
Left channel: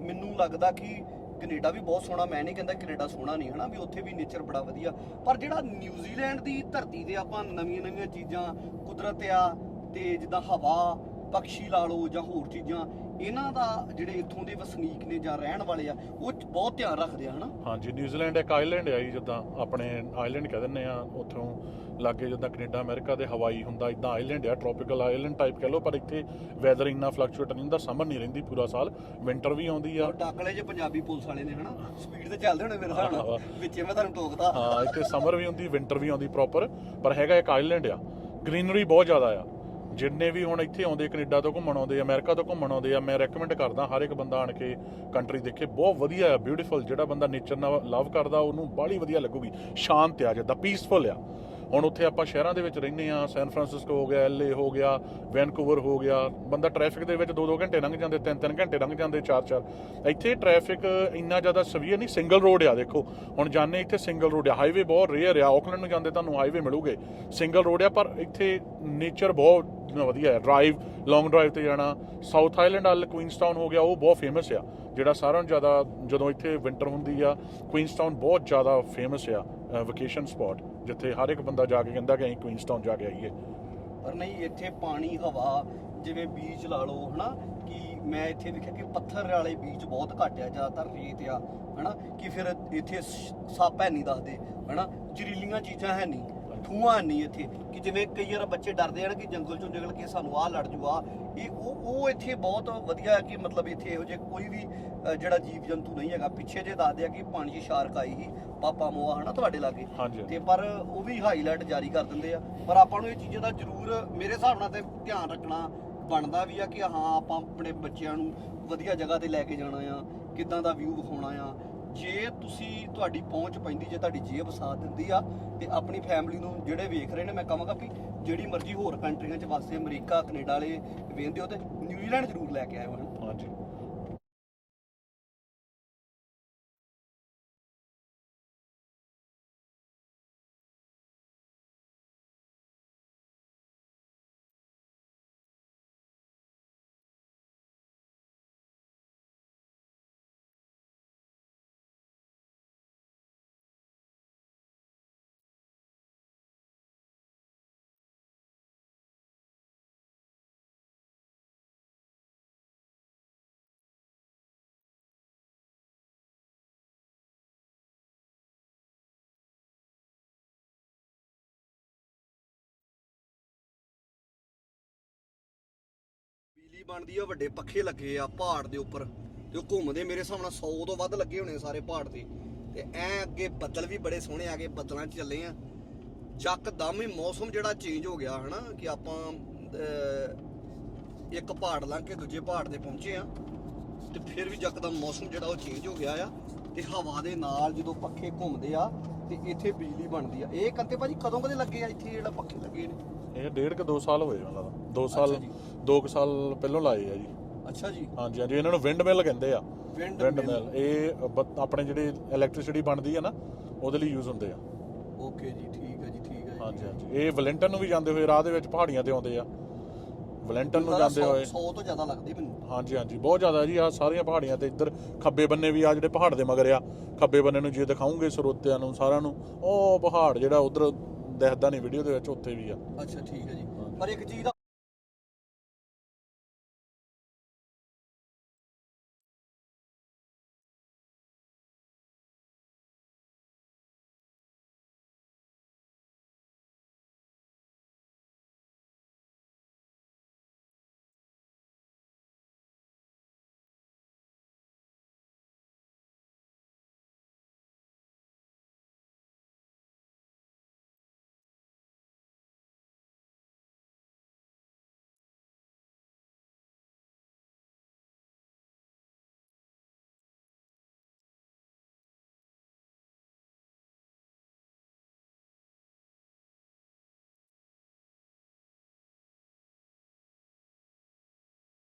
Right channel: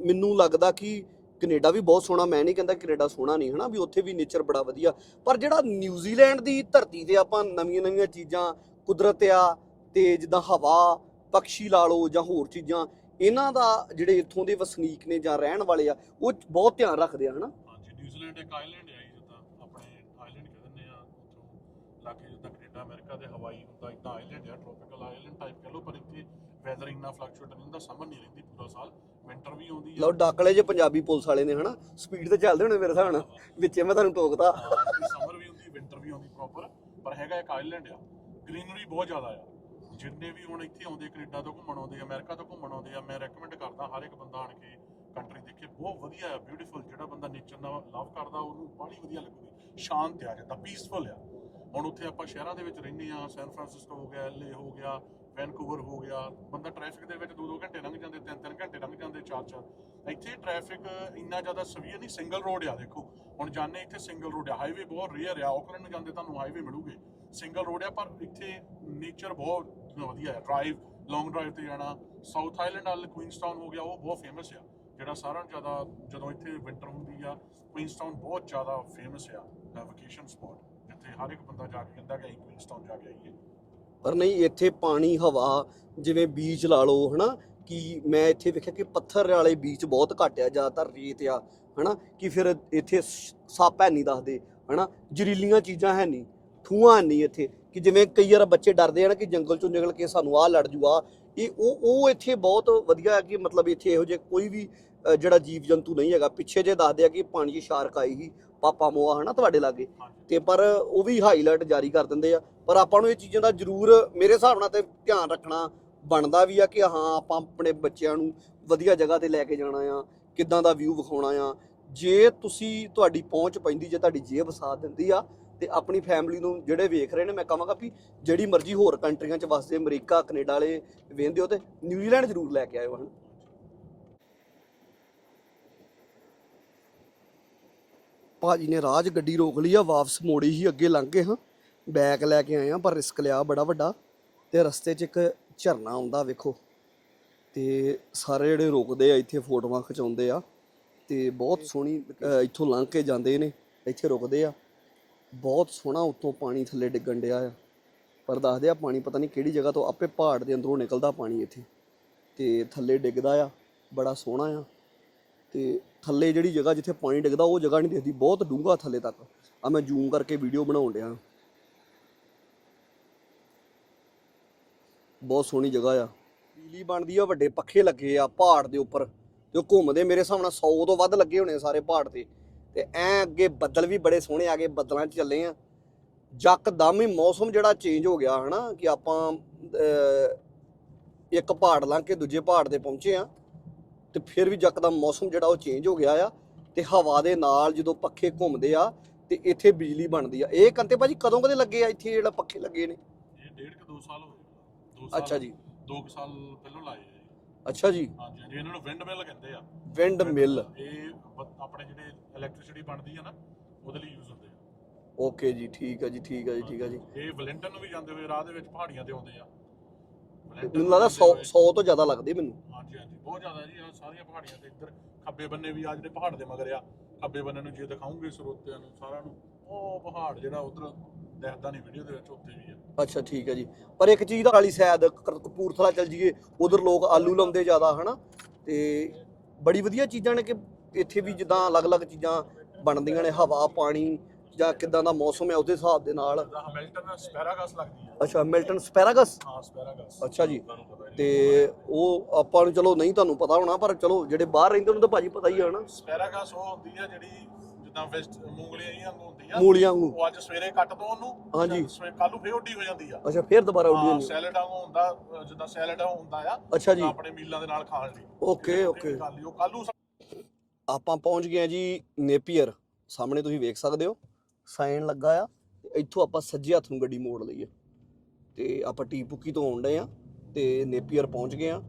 ਮੈਨੂੰ ਲੱਗਦਾ ਕਿ ਕੈਨੇਡਾ ਵੀ ਬਹੁਤ ਸੋਹਣਾ, ਮੈਂ ਨਹੀਂ ਕਹਿੰਦਾ ਕੈਨੇਡਾ ਸੋਹਣਾ ਨਹੀਂ, ਹਨਾ, ਵੀ ਉੱਥੇ ਵੀ ਨੇਚਰ ਬੜਾ ਵਧੀਆ। ਪਰ ਜਿਹੜਾ ਨਿਊਜ਼ੀਲੈਂਡ ਦੀ ਧਰਤੀ ਤੇ ਆਪਾਂ ਨਵੀਆਂ ਨਵੀਆਂ ਚੀਜ਼ਾਂ, ਕੁਦਰਤ ਆ, ਤੇ ਜਿੱਦਾਂ ਹਵਾ ਪੰਛੀ ਲਾ ਲਓ ਜਾਂ ਹੋਰ ਚੀਜ਼ਾਂ, ਇਹਨਾਂ ਦਾ ਜਿਹੜੇ ਇੱਥੋਂ ਦੇ ਵਸਨੀਕ ਨੇ ਜਾਂ ਰਹਿਣ ਵਾਲੇ ਆ, ਉਹ ਬਹੁਤ ਧਿਆਨ ਰੱਖਦੇ ਆ, ਹਨਾ। ਹਾਂਜੀ ਨਿਊਜ਼ੀਲੈਂਡ ਇੱਕ ਆਈਲੈਂਡ ਆ ਜੀ, ਜਿੱਦਾਂ ਆਪਣੇ ਆਈਲੈਂਡ ਕਹਿ ਦਿੰਦੇ ਆ, ਉੱਥੋਂ ਲਾਗੇ ਜਿੱਦਾਂ ਕੈਨੇਡਾ ਅਮਰੀਕਾ ਦੇ ਹਵਾਈ ਹੁੰਦਾ ਇਦਾਂ ਆਈਲੈਂਡ ਆ ਟ੍ਰੋਪੀਕਲ ਆਈਲੈਂਡ ਟਾਈਪ ਕਹ ਲਓ ਪਰ ਇੱਥੇ ਵੈਦਰ ਇੰਨਾ ਫਲਕਚੁਏਟ ਨਹੀਂ ਹੁੰਦਾ ਸਮਰ ਨਹੀਂ ਰਹਿੰਦੀ ਪੂਰਾ ਸਾਲ ਵਿੰਟਰ ਵੀ ਆਉਂਦੀ ਆ। ਉਹ ਡਾਕਲੇ ਜੇ ਪੰਜਾਬੀ ਪੁਲਿਸ ਵਾਲੇ ਨੇ ਹਨਾ ਸਪੀਡ ਤੇ ਚੱਲਦੇ ਹੋਣੇ ਮੇਰੇ ਹਿਸਾਬ ਨਾਲ ਵਿੱਚੇ ਮੈਂ ਤੁਹਾਨੂੰ ਟੋਕਦਾ। ਹਾਂ ਇੱਥੇ ਸਮਰ ਵੀ ਹੁੰਦੀ ਵਿੰਟਰ ਵੀ ਆਉਂਦੀ ਪ੍ਰੋਪਰ ਪਰ ਹੈਗਾ ਇੱਕ ਆਈਲੈਂਡ ਆ ਗ੍ਰੀਨਰੀ ਬਹੁਤ ਜ਼ਿਆਦਾ ਆ। ਜਿੰਨੇ ਵੀ ਹੁਣ ਇੱਥੇ ਆਉਂਦੇ ਕੈਨੇਡਾ ਤੋਂ ਘੁੰਮਣ ਆਉਂਦੇ ਅਮਰੀਕਾ ਤੋਂ ਘੁੰਮਣ ਆਉਂਦੇ ਆ ਮੈਂ ਰეკਮੈਂਡ ਕਰਦਾ ਹਰ ਇੱਕ ਬੰਦਾ ਆਣ ਕੇ ਕੰਟਰੀ ਦੇਖੇ ਬਹੁਤ ਵਧੀਆ ਆ ਬਿਊਟੀਫੁਲ ਜਿਹੜਾ ਬੰਦਾ ਨੇਚਰ ਨਾਲ ਲਵ ਕਰਦਾ ਉਹਨੂੰ ਬਾਹਲੀ ਵਧੀਆ ਲੱਗੂਗੀ ਸ਼ਾਂਤ ਆ ਜਿੱਦਾਂ ਪੀਸਫੁਲ ਆ। ਹੁਣ ਉੱਥੇ ਆਪਾਂ ਸ਼ਹਿਰਾਂ ਦੇ ਵਿੱਚ ਰਹਿੰਦੇ ਆ ਸੈਨ ਫਰਾਂਸਿਸਕੋ ਹੋ ਗਿਆ ਐਲਏ ਹੋ ਗਿਆ ਵੈਨਕੂਵਰ ਹੋ ਗਿਆ, ਬੰਦਾ ਟ੍ਰੈਫਿਕ ਦੇ ਵਿੱਚ 2-2 ਘੰਟੇ ਲੰਘ ਜਾਂਦੇ 3-3 ਘੰਟੇ ਲੰਘ ਜਾਂਦੇ 4-4 ਇੱਥੇ ਟ੍ਰੈਫਿਕ ਇੰਨਾ ਜ਼ਿਆਦਾ ਸਵੀਅਰ ਨਹੀਂ ਸਿੰਗਲ ਰੋਡ ਆ ਦੇਖੋ। ਹੁਣ ਜਾਣੇ ਇੱਥੇ ਸਿੰਗਲ ਰੋਡ ਆ। ਹਾਈਵੇ ਬਹੁਤ ਰੇਅਰ ਆ ਆਕਲੈਂਡ ਨੂੰ ਜਾਂਦੇ ਤੁਹਾਨੂੰ ਹਾਈਵੇ ਮਿਲੂਗੇ। ਸਿੰਗਲ ਰੋਡ ਆ, ਪਰ ਇੱਥੇ ਨੇਚਰ ਬਹੁਤ ਵਧੀਆ ਹੈ ਡਰਾਈਵ ਲੌਂਗ ਡਰਾਈਵ ਤੇ ਜਾਣਾ। ਸਾਊਥ ਆਈਲੈਂਡ ਵੱਲ ਕੁਈਨਸਟਾਊਨ ਹੋ ਗਿਆ, ਉਹ ਬਹੁਤ ਫੇਮਸ ਆ। ਜਿਹੜਾ ਸਾਰਿਆਂ ਨੂੰ ਜ਼ਿਆਦਾ ਜਦੋਂ ਇੱਥੇ ਵਿੰਟਰ ਹੁੰਦੀ ਆ ਕੁਈਨਸਟਾਊਨ ਬਹੁਤ ਜ਼ਿਆਦਾ ਫੇਮਸ ਆ ਵਕੇਸ਼ਨ ਸਪੌਟ ਜਿੱਥੇ ਹਰ ਇੱਕ ਬੰਦਾ ਜਾ ਕੇ ਕਹਿੰਦਾ ਕਿ ਅਸੀਂ ਕੁਈਨਸਟਾਊਨ ਜਾ ਕੇ ਆਈਏ। ਪਰ ਨਹੀਂ, ਇੱਥੇ ਪਾਣੀ, ਹਵਾ, ਜਿਵੇਂ ਬੀਚ ਲਾ ਲਓ, ਹਨਾ, ਕਿ ਮੈਂ ਇੱਥੇ ਵੇਖਿਆ ਕਿ ਪੱਥਰ ਵਾਲੇ ਬੀਚ ਬਹੁਤ ਘੱਟ ਆ, ਜ਼ਿਆਦਾਤਰ ਰੇਤ ਆ, ਹਨਾ, ਕਿ ਫਿਰ ਇੱਥੇ ਸੱਪ ਹੈ ਨਹੀਂ ਦੱਸਦੇ, ਹਨਾ, ਜ਼ਹਿਰੀਲੀਆਂ ਚੀਜ਼ਾਂ ਹੈ ਨਹੀਂ, ਥੂਆਂ ਨਹੀਂ ਇੱਥੇ, ਕਿ ਜਿਵੇਂ ਕਈ ਵਾਰ ਬੱਚੇ ਡਰਦੇ ਆ ਨਾ ਕਿ ਜੰਗਲ ਚੋਂ ਨਿਕਲ ਕੇ ਸਾਨੂੰ ਆਹ ਲੜ ਜੂ ਆ ਇਹ ਉਹ ਉਹ ਇੱਥੇ ਬਹੁਤ ਵਧੀਆ ਕਿ ਮਤਲਬ ਇੱਥੇ ਇਹੋ ਜਿਹੇ ਕੋਈ ਵੀ ਜਿਹੜਾ ਜੀਵ ਜੰਤੂ ਨਹੀਂ ਹੈਗਾ, ਪਿੱਛੇ ਜੇ ਦੱਸਦੇ ਆ ਕਿ ਪਾਣੀ 'ਚ ਸ਼ਾਰਕ ਆਈ ਸੀ ਪਾਪਾ ਮੋਆ ਹਨਾ ਤੁਹਾਡੇ ਲਾਗੇ। ਹਾਂਜੀ ਤੇ ਪਰ ਉਹ ਵੀ ਹਾਈਲਾਈਟ ਜਾਰੀ ਕਰ ਦਿੰਦੇ ਆ। ਪਰ ਆਪਾਂ ਨੂੰ ਇਹ ਚੀਜ਼ਾਂ ਦਾ ਜ਼ਰੂਰ ਮੇਰੇ ਹਿਸਾਬ ਨਾਲ ਤੇ ਧਿਆਨ ਰੱਖਣਾ ਬਣਦਾ ਵੀ ਆ ਕਿ ਹਾਂ ਆਪਾਂ ਆਪਣੇ ਬੱਚਿਆਂ ਨੂੰ ਵਧੀਆ ਜਗ੍ਹਾ ਤੇ ਲੈ ਕੇ ਜਾਣਾ ਆ ਕਿੱਦਾਂ ਦਾ ਵਿਊ ਵਿਖਾਉਣਾ ਆ। ਜੇ ਤੁਸੀਂ ਤੁਹਾਡੀ ਪਹੁੰਚ ਪੈਂਦੀ ਜੇ ਤੁਹਾਡੀ ਜੇਬ ਸਾਥ ਦਿੰਦੀ ਆ ਤੇ ਆਪਣੀ ਫੈਮਿਲੀ ਨੂੰ ਜਿਹੜੇ ਵੇਖ ਰਹੇ ਨੇ ਮੈਂ ਕਹਾਂਗਾ ਵੀ ਜਿਹੜੀ ਮਰਜ਼ੀ ਹੋਰ ਕੰਟਰੀਆਂ 'ਚ ਵਸਦੇ ਅਮਰੀਕਾ ਕੈਨੇਡਾ ਵਾਲੇ ਵੇਖਦੇ ਹੋ ਤੇ ਨਿਊਜ਼ੀਲੈਂਡ ਜ਼ਰੂਰ ਲੈ ਕੇ ਆਇਓ ਹਨ। ਹਾਂਜੀ। ਭਾਜੀ ਨੇ ਰਾਜ ਗੱਡੀ ਰੋਕ ਲਈ ਆ ਵਾਪਸ ਮੋੜੀ ਹੀ ਅੱਗੇ ਲੰਘ ਗਏ ਹਾਂ। ਬੈਗ ਲੈ ਕੇ ਆਏ ਆ ਪਰ ਰਿਸਕ ਲਿਆ ਬੜਾ ਵੱਡਾ। ਤੇ ਰਸਤੇ 'ਚ ਇੱਕ ਝਰਨਾ ਆਉਂਦਾ ਵੇਖੋ। ਤੇ ਸਾਰੇ ਜਿਹੜੇ ਰੁਕਦੇ ਆ ਇੱਥੇ ਫੋਟੋਆਂ ਖਿਚਾਉਂਦੇ ਆ। ਤੇ ਬਹੁਤ ਸੋਹਣੀ ਅ, ਇੱਥੋਂ ਲੰਘ ਕੇ ਜਾਂਦੇ ਨੇ ਇੱਥੇ ਰੁਕਦੇ ਆ। ਬਹੁਤ ਸੋਹਣਾ ਉੱਤੋਂ ਪਾਣੀ ਥੱਲੇ ਡਿੱਗਣ ਡਿਆ ਆ। ਪਰ ਦੱਸਦੇ ਆ ਪਾਣੀ ਪਤਾ ਨਹੀਂ ਕਿਹੜੀ ਜਗ੍ਹਾ ਤੋਂ ਆਪੇ ਪਹਾੜ ਦੇ ਅੰਦਰੋਂ ਨਿਕਲਦਾ ਪਾਣੀ ਇੱਥੇ। ਤੇ ਥੱਲੇ ਡਿੱਗਦਾ ਆ ਬੜਾ ਸੋਹਣਾ ਆ। ਤੇ ਥੱਲੇ ਜਿਹੜੀ ਜਗ੍ਹਾ ਜਿੱਥੇ ਪਾਣੀ ਡਿੱਗਦਾ, ਉਹ ਜਗ੍ਹਾ ਨਹੀਂ ਦਿਖਦੀ। ਬਹੁਤ ਡੂੰਘਾ ਥੱਲੇ ਤੱਕ। ਆ ਮੈਂ ਜ਼ੂਮ ਕਰਕੇ ਵੀਡੀਓ ਬਣਾਉਣ ਡਿਆ। ਬਹੁਤ ਸੋਹਣੀ ਜਗ੍ਹਾ ਆ। ਬਿਜਲੀ ਬਣਦੀ ਆ, ਵੱਡੇ ਪੱਖੇ ਲੱਗੇ ਆ ਪਹਾੜ ਦੇ ਉੱਪਰ। ਤੇ ਉਹ ਘੁੰਮਦੇ ਮੇਰੇ ਹਿਸਾਬ ਨਾਲ 100 ਤੋਂ ਵੱਧ ਲੱਗੇ ਹੋਣੇ ਸਾਰੇ ਪਹਾੜ ਤੇ। ਤੇ ਐ ਅੱਗੇ ਬੱਦਲ ਵੀ ਬੜੇ ਸੋਹਣੇ ਆ ਗਏ ਬੱਦਲਾਂ 'ਚ ਚੱਲੇ ਆ। ਜੱਕਦਮ ਹੀ ਮੌਸਮ ਜਿਹੜਾ ਚੇਂਜ ਹੋ ਗਿਆ, ਹਨਾ? ਕਿ ਆਪਾਂ ਇੱਕ ਪਹਾੜ ਲੰਘ ਕੇ ਦੂਜੇ ਪਹਾੜ ਤੇ ਪਹੁੰਚੇ ਆ। ਤੇ ਫਿਰ ਵੀ ਯਕਦਮ ਮੌਸਮ ਜਿਹੜਾ ਉਹ ਚੇਂਜ ਹੋ ਗਿਆ ਆ ਤੇ ਹਵਾ ਦੇ ਨਾਲ ਜਦੋਂ ਪੱਖੇ ਘੁੰਮਦੇ ਆ ਤੇ ਇੱਥੇ ਬਿਜਲੀ ਬਣਦੀ ਆ। ਇਹ ਕੰਤੇ ਭਾਜੀ ਕਦੋਂ ਕਦੇ ਲੱਗੇ ਆ ਇੱਥੇ ਜਿਹੜਾ ਪੱਖੇ ਲੱਗੇ ਨੇ? ਇਹ ਡੇਢ ਕੁ 2 ਸਾਲ ਹੋਏ ਉਹਨਾਂ ਦਾ। 2 ਅੱਛਾ ਸਾਲ ਜੀ। 2 ਸਾਲ ਪਹਿਲਾਂ ਲਾਏ ਆ ਜੀ। ਅੱਛਾ ਜੀ। ਹਾਂਜੀ ਹਾਂਜੀ। ਇਹਨਾਂ ਨੂੰ ਵਿੰਡ ਮਿਲ ਕਹਿੰਦੇ ਆ। ਵਿੰਡ ਮਿਲ ਇਹ ਬ- ਆਪਣੇ ਜਿਹੜੇ ਇਲੈਕਟ੍ਰਿਸਿਟੀ ਬਣਦੀ ਆ ਨਾ ਉਹਦੇ ਲਈ ਯੂਜ਼ ਹੁੰਦੇ ਆ। ਓਕੇ ਜੀ ਠੀਕ ਹੈ ਜੀ ਠੀਕ ਹੈ ਜੀ ਠੀਕ ਹੈ ਜੀ। ਇਹ ਵੈਲੈਂਟਨ ਨੂੰ ਵੀ ਜਾਂਦੇ ਹੋਏ ਰਾਹ ਦੇ ਵਿੱਚ ਪਹਾੜੀਆਂ ਤੇ ਆਉਂਦੇ ਆ। ਵੈਲੈਂਟਨ ਮੈਨੂੰ ਨੂੰ ਲੱਗਦਾ ਜਾਂਦੇ 100 ਹੋਏ 100 ਤੋਂ ਜ਼ਿਆਦਾ ਲੱਗਦੇ ਮੈਨੂੰ। ਹਾਂਜੀ ਹਾਂਜੀ ਬਹੁਤ ਜ਼ਿਆਦਾ ਜੀ। ਆ ਸਾਰੀਆਂ ਪਹਾੜੀਆਂ ਤੇ ਇੱਧਰ ਖੱਬੇ ਬੰਨੇ ਵੀ ਆ ਜਿਹੜੇ ਪਹਾੜ ਦੇ ਮਗਰ ਆ। ਖੱਬੇ ਬੰਨੇ ਨੂੰ ਜੇ ਦਿਖਾਉਂਗੇ ਸਰੋਤਿਆਂ ਨੂੰ ਸਾਰਿਆਂ ਨੂੰ ਉਹ ਪਹਾੜ ਜਿਹੜਾ ਉਧਰ ਦਿਖਦਾ ਨਹੀਂ ਵੀਡੀਓ ਦੇ ਵਿੱਚ ਉੱਥੇ ਵੀ ਆ। ਅੱਛਾ ਠੀਕ ਹੈ ਜੀ। ਪਰ ਇੱਕ ਚੀਜ਼ ਵਾਲੀ ਸ਼ਾਇਦ ਕਪੂਰਥਲਾ ਚੱਲ ਜੀਏ ਉਧਰ ਲੋਕ ਆਲੂ ਲਾਉਂਦੇ ਜ਼ਿਆਦਾ ਹਨਾ? ਤੇ ਬੜੀ ਵਧੀਆ ਚੀਜ਼ਾਂ ਨੇ ਕਿ ਇੱਥੇ ਵੀ ਜਿੱਦਾਂ ਅਲੱਗ-ਅਲੱਗ ਚੀਜ਼ਾਂ ਬਣਦੀਆਂ ਨੇ ਹਵਾ ਪਾਣੀ ਜਾਂ ਕਿਦਾਂ ਦਾ ਮੌਸਮ ਹੈ ਉਹਦੇ ਹਿਸਾਬ ਦੇ ਨਾਲ। ਹੈਮਿਲਟਨ ਸਪੈਰਾਗਸ ਲੱਗਦੀ ਆ ਅੱਛਾ ਮਿਲਟਨ ਸਪੈਰਾਗਸ ਹਾਂ ਸਪੈਰਾਗਸ ਅੱਛਾ ਜੀ। ਤੇ ਉਹ ਆਪਾਂ ਨੂੰ ਚਲੋ ਨਹੀਂ ਤੁਹਾਨੂੰ ਪਤਾ ਹੋਣਾ ਪਰ ਚਲੋ ਜਿਹੜੇ ਬਾਹਰ ਰਹਿੰਦੇ ਉਹਨਾਂ ਨੂੰ ਤਾਂ ਭਾਜੀ ਪਤਾ ਹੀ ਹੈ ਸਪੈਰਾਗਸ ਉਹ ਹੁੰਦੀ ਆ ਜਿਹੜੀ ਜਿੱਦਾਂ ਵੈਸਟ ਮੂੰਗਲੀਆਂ ਹੀ ਹੁੰਦੀ ਆ ਮੂਲੀਆਂ ਵਾਂਗੂ। ਉਹ ਅੱਜ ਸਵੇਰੇ ਕੱਟ ਦੋ ਉਹਨੂੰ। ਹਾਂਜੀ। ਕੱਲ ਨੂੰ ਫੇਰ ਉੱਡੀ ਹੋ ਜਾਂਦੀ ਆ। ਅੱਛਾ ਫੇਰ ਦੁਬਾਰਾ ਉੱਡੀ ਹਾਂ ਹੁੰਦੀ ਸੈਲਡ ਵਾਂਗੂ ਹੁੰਦਾ ਅ, ਜਿੱਦਾਂ ਸੈਲਡ ਹੁੰਦਾ ਆ। ਅੱਛਾ ਜੀ। ਆਪਣੇ ਮੀਲਾਂ ਦੇ ਨਾਲ ਖਾਣ ਲਈ। Okay okay. ਉਹ ਕੱਲੂ ਆਪਾਂ ਪਹੁੰਚ ਗਏ ਆ ਜੀ ਨੇਪੀਅਰ। ਸਾਹਮਣੇ ਤੁਸੀਂ ਵੇਖ ਸਕਦੇ ਹੋ। ਸਾਈਨ ਲੱਗਾ ਆ, ਤੇ ਇੱਥੋਂ ਆਪਾਂ ਸੱਜੇ ਹੱਥ ਨੂੰ ਗੱਡੀ ਮੋੜ ਲਈ ਆ ਤੇ ਆਪਾਂ ਟੀ ਪੁੱਕੀ ਤੋਂ ਆਉਣ ਡਏ ਆ, ਤੇ ਨੇਪੀਅਰ ਪਹੁੰਚ ਗਏ ਆ,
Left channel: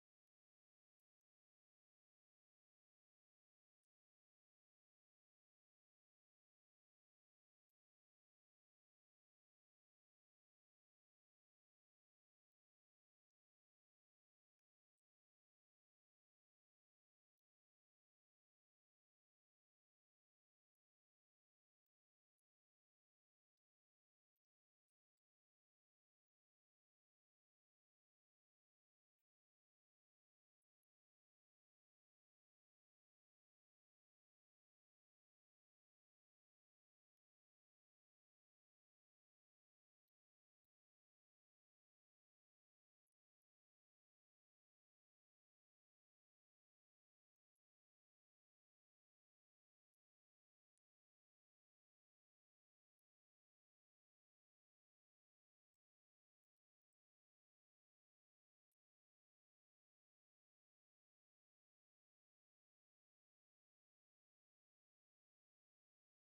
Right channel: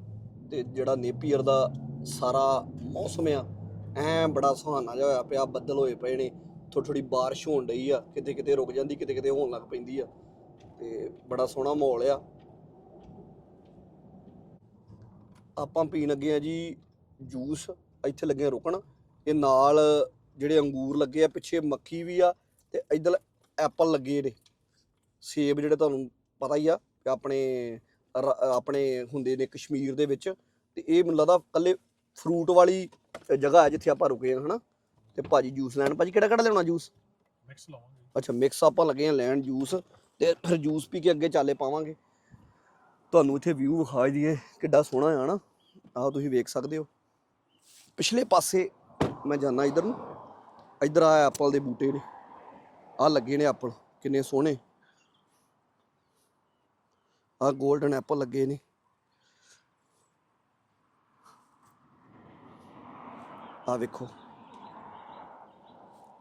ਤੇ ਜਿਹੜਾ ਨੇਪੀਅਰ ਦਾ ਸਾਰਾ ਮੌਸਮ ਆ, ਐ ਬੜਾ ਸੁਹਾਨਾ ਜਿਹਾ ਹੋਇਆ ਪਿਆ, ਬੱਦਲ ਹੋਏ ਪਏ ਨੇ ਥੋੜੀ ਥੋੜੀ ਬਾਰਿਸ਼ ਹੋਣ ਡਈ ਆ ਕਿਤੇ ਕਿਤੇ ਰੁਕ ਜਾਂਦੀ ਕਿਤੇ ਕਿਤੇ ਹੋਣ ਲੱਗ ਪੈਂਦੀ ਆ, ਤੇ ਬੜਾ ਸੋਹਣਾ ਮਾਹੌਲ ਆ। ਆਪਾਂ ਪੀਣ ਲੱਗੇ ਆ ਜੀ ਜੂਸ, ਇੱਥੇ ਲੱਗੇ ਆ ਰੁਕਣ। ਇਹ ਨਾਲ ਜਿਹੜੇ ਅੰਗੂਰ ਲੱਗੇ ਆ, ਪਿੱਛੇ ਮੱਖੀ ਵੀ ਆ ਤੇ ਇਧਰ ਐਪਲ ਲੱਗੇ ਨੇ ਸੇਬ ਜਿਹੜੇ ਤੁਹਾਨੂੰ ਪਤਾ ਹੀ ਆ ਕਿ ਆਪਣੇ ਆਪਣੇ ਹੁੰਦੇ ਨੇ ਕਸ਼ਮੀਰ ਦੇ ਵਿੱਚ। ਤੇ ਇਹ ਮੈਨੂੰ ਲੱਗਦਾ ਕੱਲੇ ਫਰੂਟ ਵਾਲੀ ਜਗ੍ਹਾ ਹੈ ਜਿੱਥੇ ਆਪਾਂ ਰੁਕੇ ਆ ਹਨਾ? ਤੇ ਭਾਜੀ ਜੂਸ ਲੈਣ ਭਾਜੀ ਕਿਹੜਾ ਕਿਹੜਾ ਲੈਣਾ ਜੂਸ ਮਿਕਸ ਲਾਵਾਂਗੇ। ਅੱਛਾ ਮਿਕਸ ਆਪਾਂ ਲੱਗੇ ਆ ਲੈਣ ਜੂਸ ਤੇ ਫਿਰ ਜੂਸ ਪੀ ਕੇ ਅੱਗੇ ਚਾਲੇ ਪਾਵਾਂਗੇ। ਤੁਹਾਨੂੰ ਇੱਥੇ ਵਿਊ ਵਿਖਾ ਦਈਏ ਕਿੱਡਾ ਸੋਹਣਾ ਆ ਨਾ ਆਹ ਤੁਸੀਂ ਵੇਖ ਸਕਦੇ ਹੋ। ਪਿਛਲੇ ਪਾਸੇ ਮੈਂ ਜਾਣਾ ਇਧਰ ਨੂੰ। ਇਧਰ ਆ ਐਪਲ ਦੇ ਬੂਟੇ ਨੇ ਆ ਲੱਗੇ ਨੇ ਐਪਲ, ਕਿੰਨੇ ਸੋਹਣੇ। ਆ 골ਡਨ ਐਪਲ ਲੱਗੇ ਨੇ। ਆ ਵੇਖੋ।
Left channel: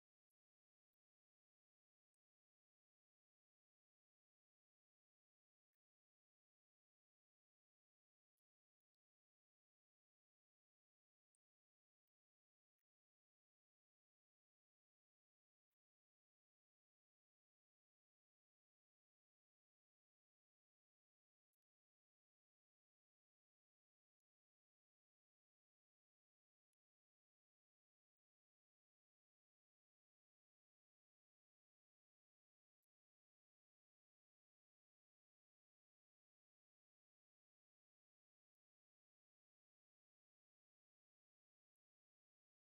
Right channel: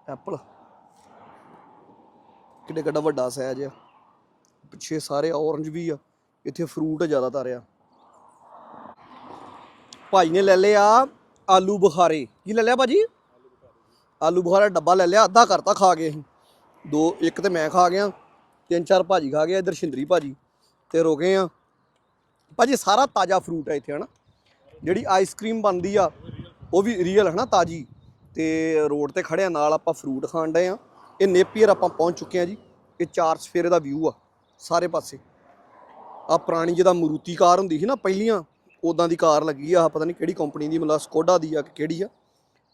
ਐਪਲ। ਕਿੱਡੇ ਕਿੱਡਾ ਵੱਡਾ ਸਾਈਜ਼ ਆ। ਪਿੱਛੇ ਸਾਰੇ ਔਰੰਜ ਵੀ ਆ। ਇੱਥੇ ਫਰੂਟ ਜ਼ਿਆਦਾਤਰ ਆ। ਭਾਈ ਨੇ ਲੈ ਲਿਆ ਆਲੂ ਬੁਖਾਰੇ। ਕੀ ਲੈ ਲਿਆ ਭਾਜੀ? ਆਲੂ ਬੁਖਾਰਾ। ਡੱਬਾ ਲੈ ਲਿਆ, ਅੱਧਾ ਕਰਤਾ ਖਾ ਗਏ ਅਸੀਂ। ਦੋ, ਇੱਕ ਤੇ ਮੈਂ ਖਾ ਗਿਆ, ਤਿੰਨ ਚਾਰ ਭਾਜੀ ਖਾ ਗਿਆ ਇਧਰ ਸ਼ਿੰਦਰੀ ਭਾਜੀ ਤੇ ਰੁਕੇ ਆ। ਭਾਜੀ, ਸਾਰਾ ਤਾਜ਼ਾ ਫਰੂਟ ਹੈ ਇੱਥੇ, ਹਨਾ? ਜਿਹੜੀ ਆਈਸਕ੍ਰੀਮ ਬਣਦੀ ਆ, ਉਹ ਵੀ ਰੀਅਲ ਹਨਾ, ਤਾਜੀ। ਤੇ ਰੋਡ ਤੇ ਖੜਿਆ ਨਾਲ ਆਪਾਂ ਫਰੂਟ ਖਾਣ ਡਏ ਆ। ਇਹ ਨੇਪੀਅਰ ਆਪਾਂ ਪਹੁੰਚ ਚੁੱਕੇ ਆ ਜੀ। ਇਹ ਚਾਰ ਸਫੇਰੇ ਦਾ ਵਿਊ ਆ, ਸਾਰੇ ਪਾਸੇ। ਆ ਪੁਰਾਣੀ ਜਿਹਦਾ ਮਰੂਤੀ ਕਾਰ ਹੁੰਦੀ ਸੀ ਨਾ, ਪਹਿਲੀਆਂ ਉਦਾਂ ਦੀ ਕਾਰ ਲੱਗੀ ਆ ਪਤਾ ਨਹੀਂ ਕਿਹੜੀ ਕੰਪਨੀ ਦੀ, ਮਤਲਬ ਸਕੋਡਾ ਦੀ ਆ ਕਿ ਕਿਹੜੀ ਆ।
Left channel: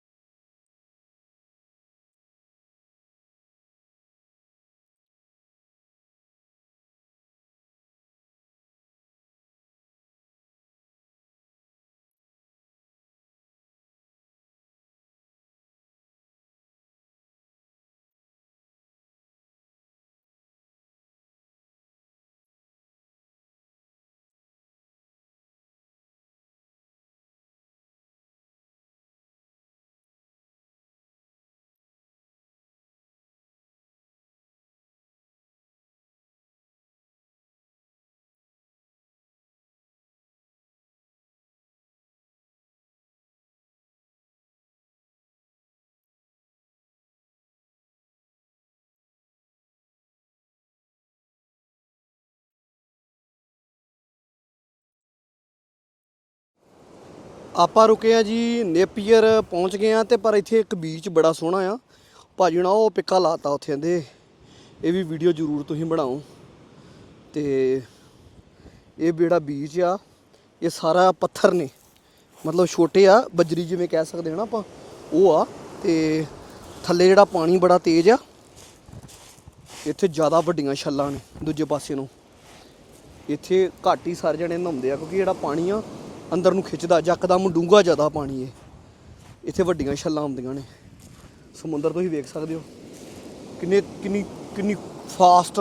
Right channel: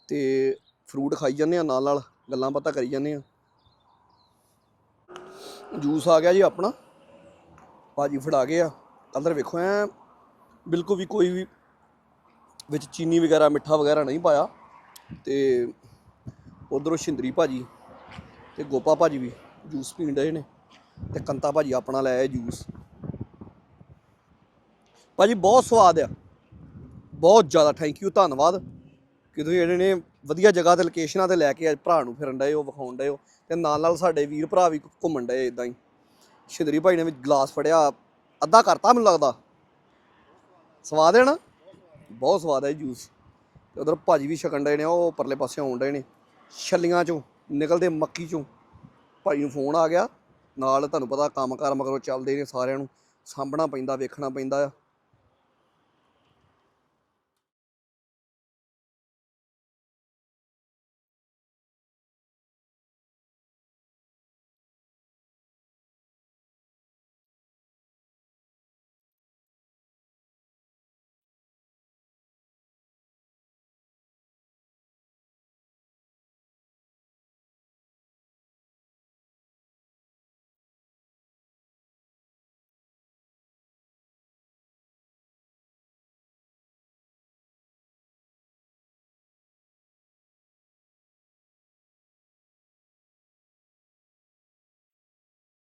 ਤੇ ਫਰੂਟ ਖਾਈ ਜਾਂਦੇ ਆ ਨਾਲ ਨਾਲ ਗੱਲਾਂ ਬਾਤਾਂ ਕਰੀ ਜਾਂਦੇ ਆ। ਜੂਸ ਆ ਗਿਆ ਜੀ ਆਪਣਾ। ਭਾਜੀ ਫੜਾ ਗਏ ਆ। ਕਲਰ ਵੇਖੋ ਐ, ਬਿਲਕੁਲ ਵੀ ਕੋਈ ਵੀ ਵਿੱਚ ਚੀਨੀ ਵਗੈਰਾ, ਮਿੱਠਾ ਵਗੈਰਾ ਨਹੀਂ ਪਾਇਆ। ਤੇ ਉਧਰੋਂ ਸ਼ਿੰਦਰੀ ਭਾਜੀ ਤੇ ਗੋਪਾ ਭਾਜੀ ਵੀ ਜੂਸ ਪੀਣ ਡਏ ਨੇ ਤੇ ਕੰਤਾ ਭਾਜੀ ਆਪਣਾ ਲੈ ਆਏ ਜੂਸ। ਭਾਜੀ ਬਹੁਤ ਸਵਾਦ ਆ। ਬਹੁਤ ਜ਼ਿਆਦਾ ਥੈਂਕ ਯੂ ਧੰਨਵਾਦ। ਕਿ ਤੁਸੀਂ ਜਿਹੜੇ ਨੇ ਵਧੀਆ ਜਗ੍ਹਾ ਤੇ ਲੋਕੇਸ਼ਨਾਂ ਤੇ ਲੈ ਕੇ ਅੱਜ ਭਰਾ ਨੂੰ ਫਿਰਨ ਡਏ ਹੋ, ਵਿਖਾਉਣ ਡਏ ਹੋ। ਤੇ ਨਾਲ ਨਾਲ ਸਾਡੇ ਵੀਰ ਭਰਾ ਵੀ ਘੁੰਮਣ ਡਏ ਇਦਾਂ ਹੀ। ਸ਼ਿੰਦਰੀ ਭਾਈ ਨੇ ਵੀ ਗਲਾਸ ਫੜਿਆ, ਅੱਧਾ ਕਰਤਾ ਮੈਨੂੰ ਲੱਗਦਾ। ਸਵਾਦ ਹੈ ਨਾ? ਬਹੁਤ ਸਵਾਦ ਹੈ ਜੂਸ ਤੇ ਉਧਰ ਭਾਜੀ ਵੀ ਛਕਣ ਡਏ ਨੇ, ਉਹ ਪਰਲੇ ਪਾਸੇ ਆਉਣ ਡਏ ਨੇ। ਛੱਲੀਆਂ ਚੋਂ, ਨਿਕਲਦੇ ਮੱਕੀ ਚੋਂ। ਭਾਈ ਨੂੰ ਫੋਨ ਆ ਗਿਆ। ਨਾਲ ਤੁਹਾਨੂੰ ਪਤਾ ਕੰਮਕਾਰ ਮਗਰੋਂ ਚੱਲਦੇ ਨੇ ਸਾਰਿਆਂ ਨੂੰ। ਸਾਂਭਣਾ ਪੈਂਦਾ, ਵੇਖਣਾ ਪੈਂਦਾ ਆ। ਆਪਾਂ ਰੁਕੇ ਆ ਜੀ, ਨੇਪੀਅਰ ਪਹੁੰਚ ਗਏ ਆ ਤੇ ਪਰ ਇੱਥੇ ਇੱਕ ਬੀਚ ਬੜਾ ਸੋਹਣਾ ਆ। ਭਾਜੀ ਨਾ ਉਹ ਪਿੱਕਾ ਲਾਤਾ ਉੱਥੇ ਕਹਿੰਦੇ, ਇਹ ਵੀ ਵੀਡੀਓ ਜ਼ਰੂਰ ਤੁਸੀਂ ਬਣਾਓ। ਤੇ ਇਹ ਜਿਹੜਾ ਬੀਚ ਆ, ਇਹ ਸਾਰਾ ਪੱਥਰ ਨੇ। ਮਤਲਬ ਛੋਟੇ ਆ, ਬਜਰੀ ਜਿਵੇਂ ਕਹਿ ਸਕਦੇ ਹਾਂ ਨਾ ਆਪਾਂ, ਉਹ ਆ। ਤੇ ਥੱਲੇ ਜਿਹੜਾ ਪਾਣੀ ਬੜਾ ਤੇਜ਼ ਆ, ਇੱਥੇ ਜ਼ਿਆਦਾ ਵੱਡੀਆਂ ਛੱਲਾਂ ਨੇ ਦੂਜੇ ਪਾਸੇ ਨੂੰ। ਇੱਥੇ ਘੱਟ ਹੀ ਸਾਰੇ ਜਣੇ ਨਹਾਉਂਦੇ ਆ, ਕਿਉਂਕਿ ਜਿਹੜਾ ਪਾਣੀ ਆ, ਅੰਦਰ ਨੂੰ ਖਿੱਚਦਾ ਯਕਦਮ ਡੂੰਘਾ ਜ਼ਿਆਦਾ ਪਾਣੀ ਏ। ਇੱਥੇ ਵੱਡੀਆਂ ਛੱਲਾਂ ਹੁੰਦੀਆਂ ਨੇ। ਸਮੁੰਦਰ ਤੁਸੀਂ ਵੇਖ ਸਕਦੇ ਹੋ। ਕਿੰਨੇ, ਕਿੰਨੀ ਕਿੰਨੀ ਫਾਸਟ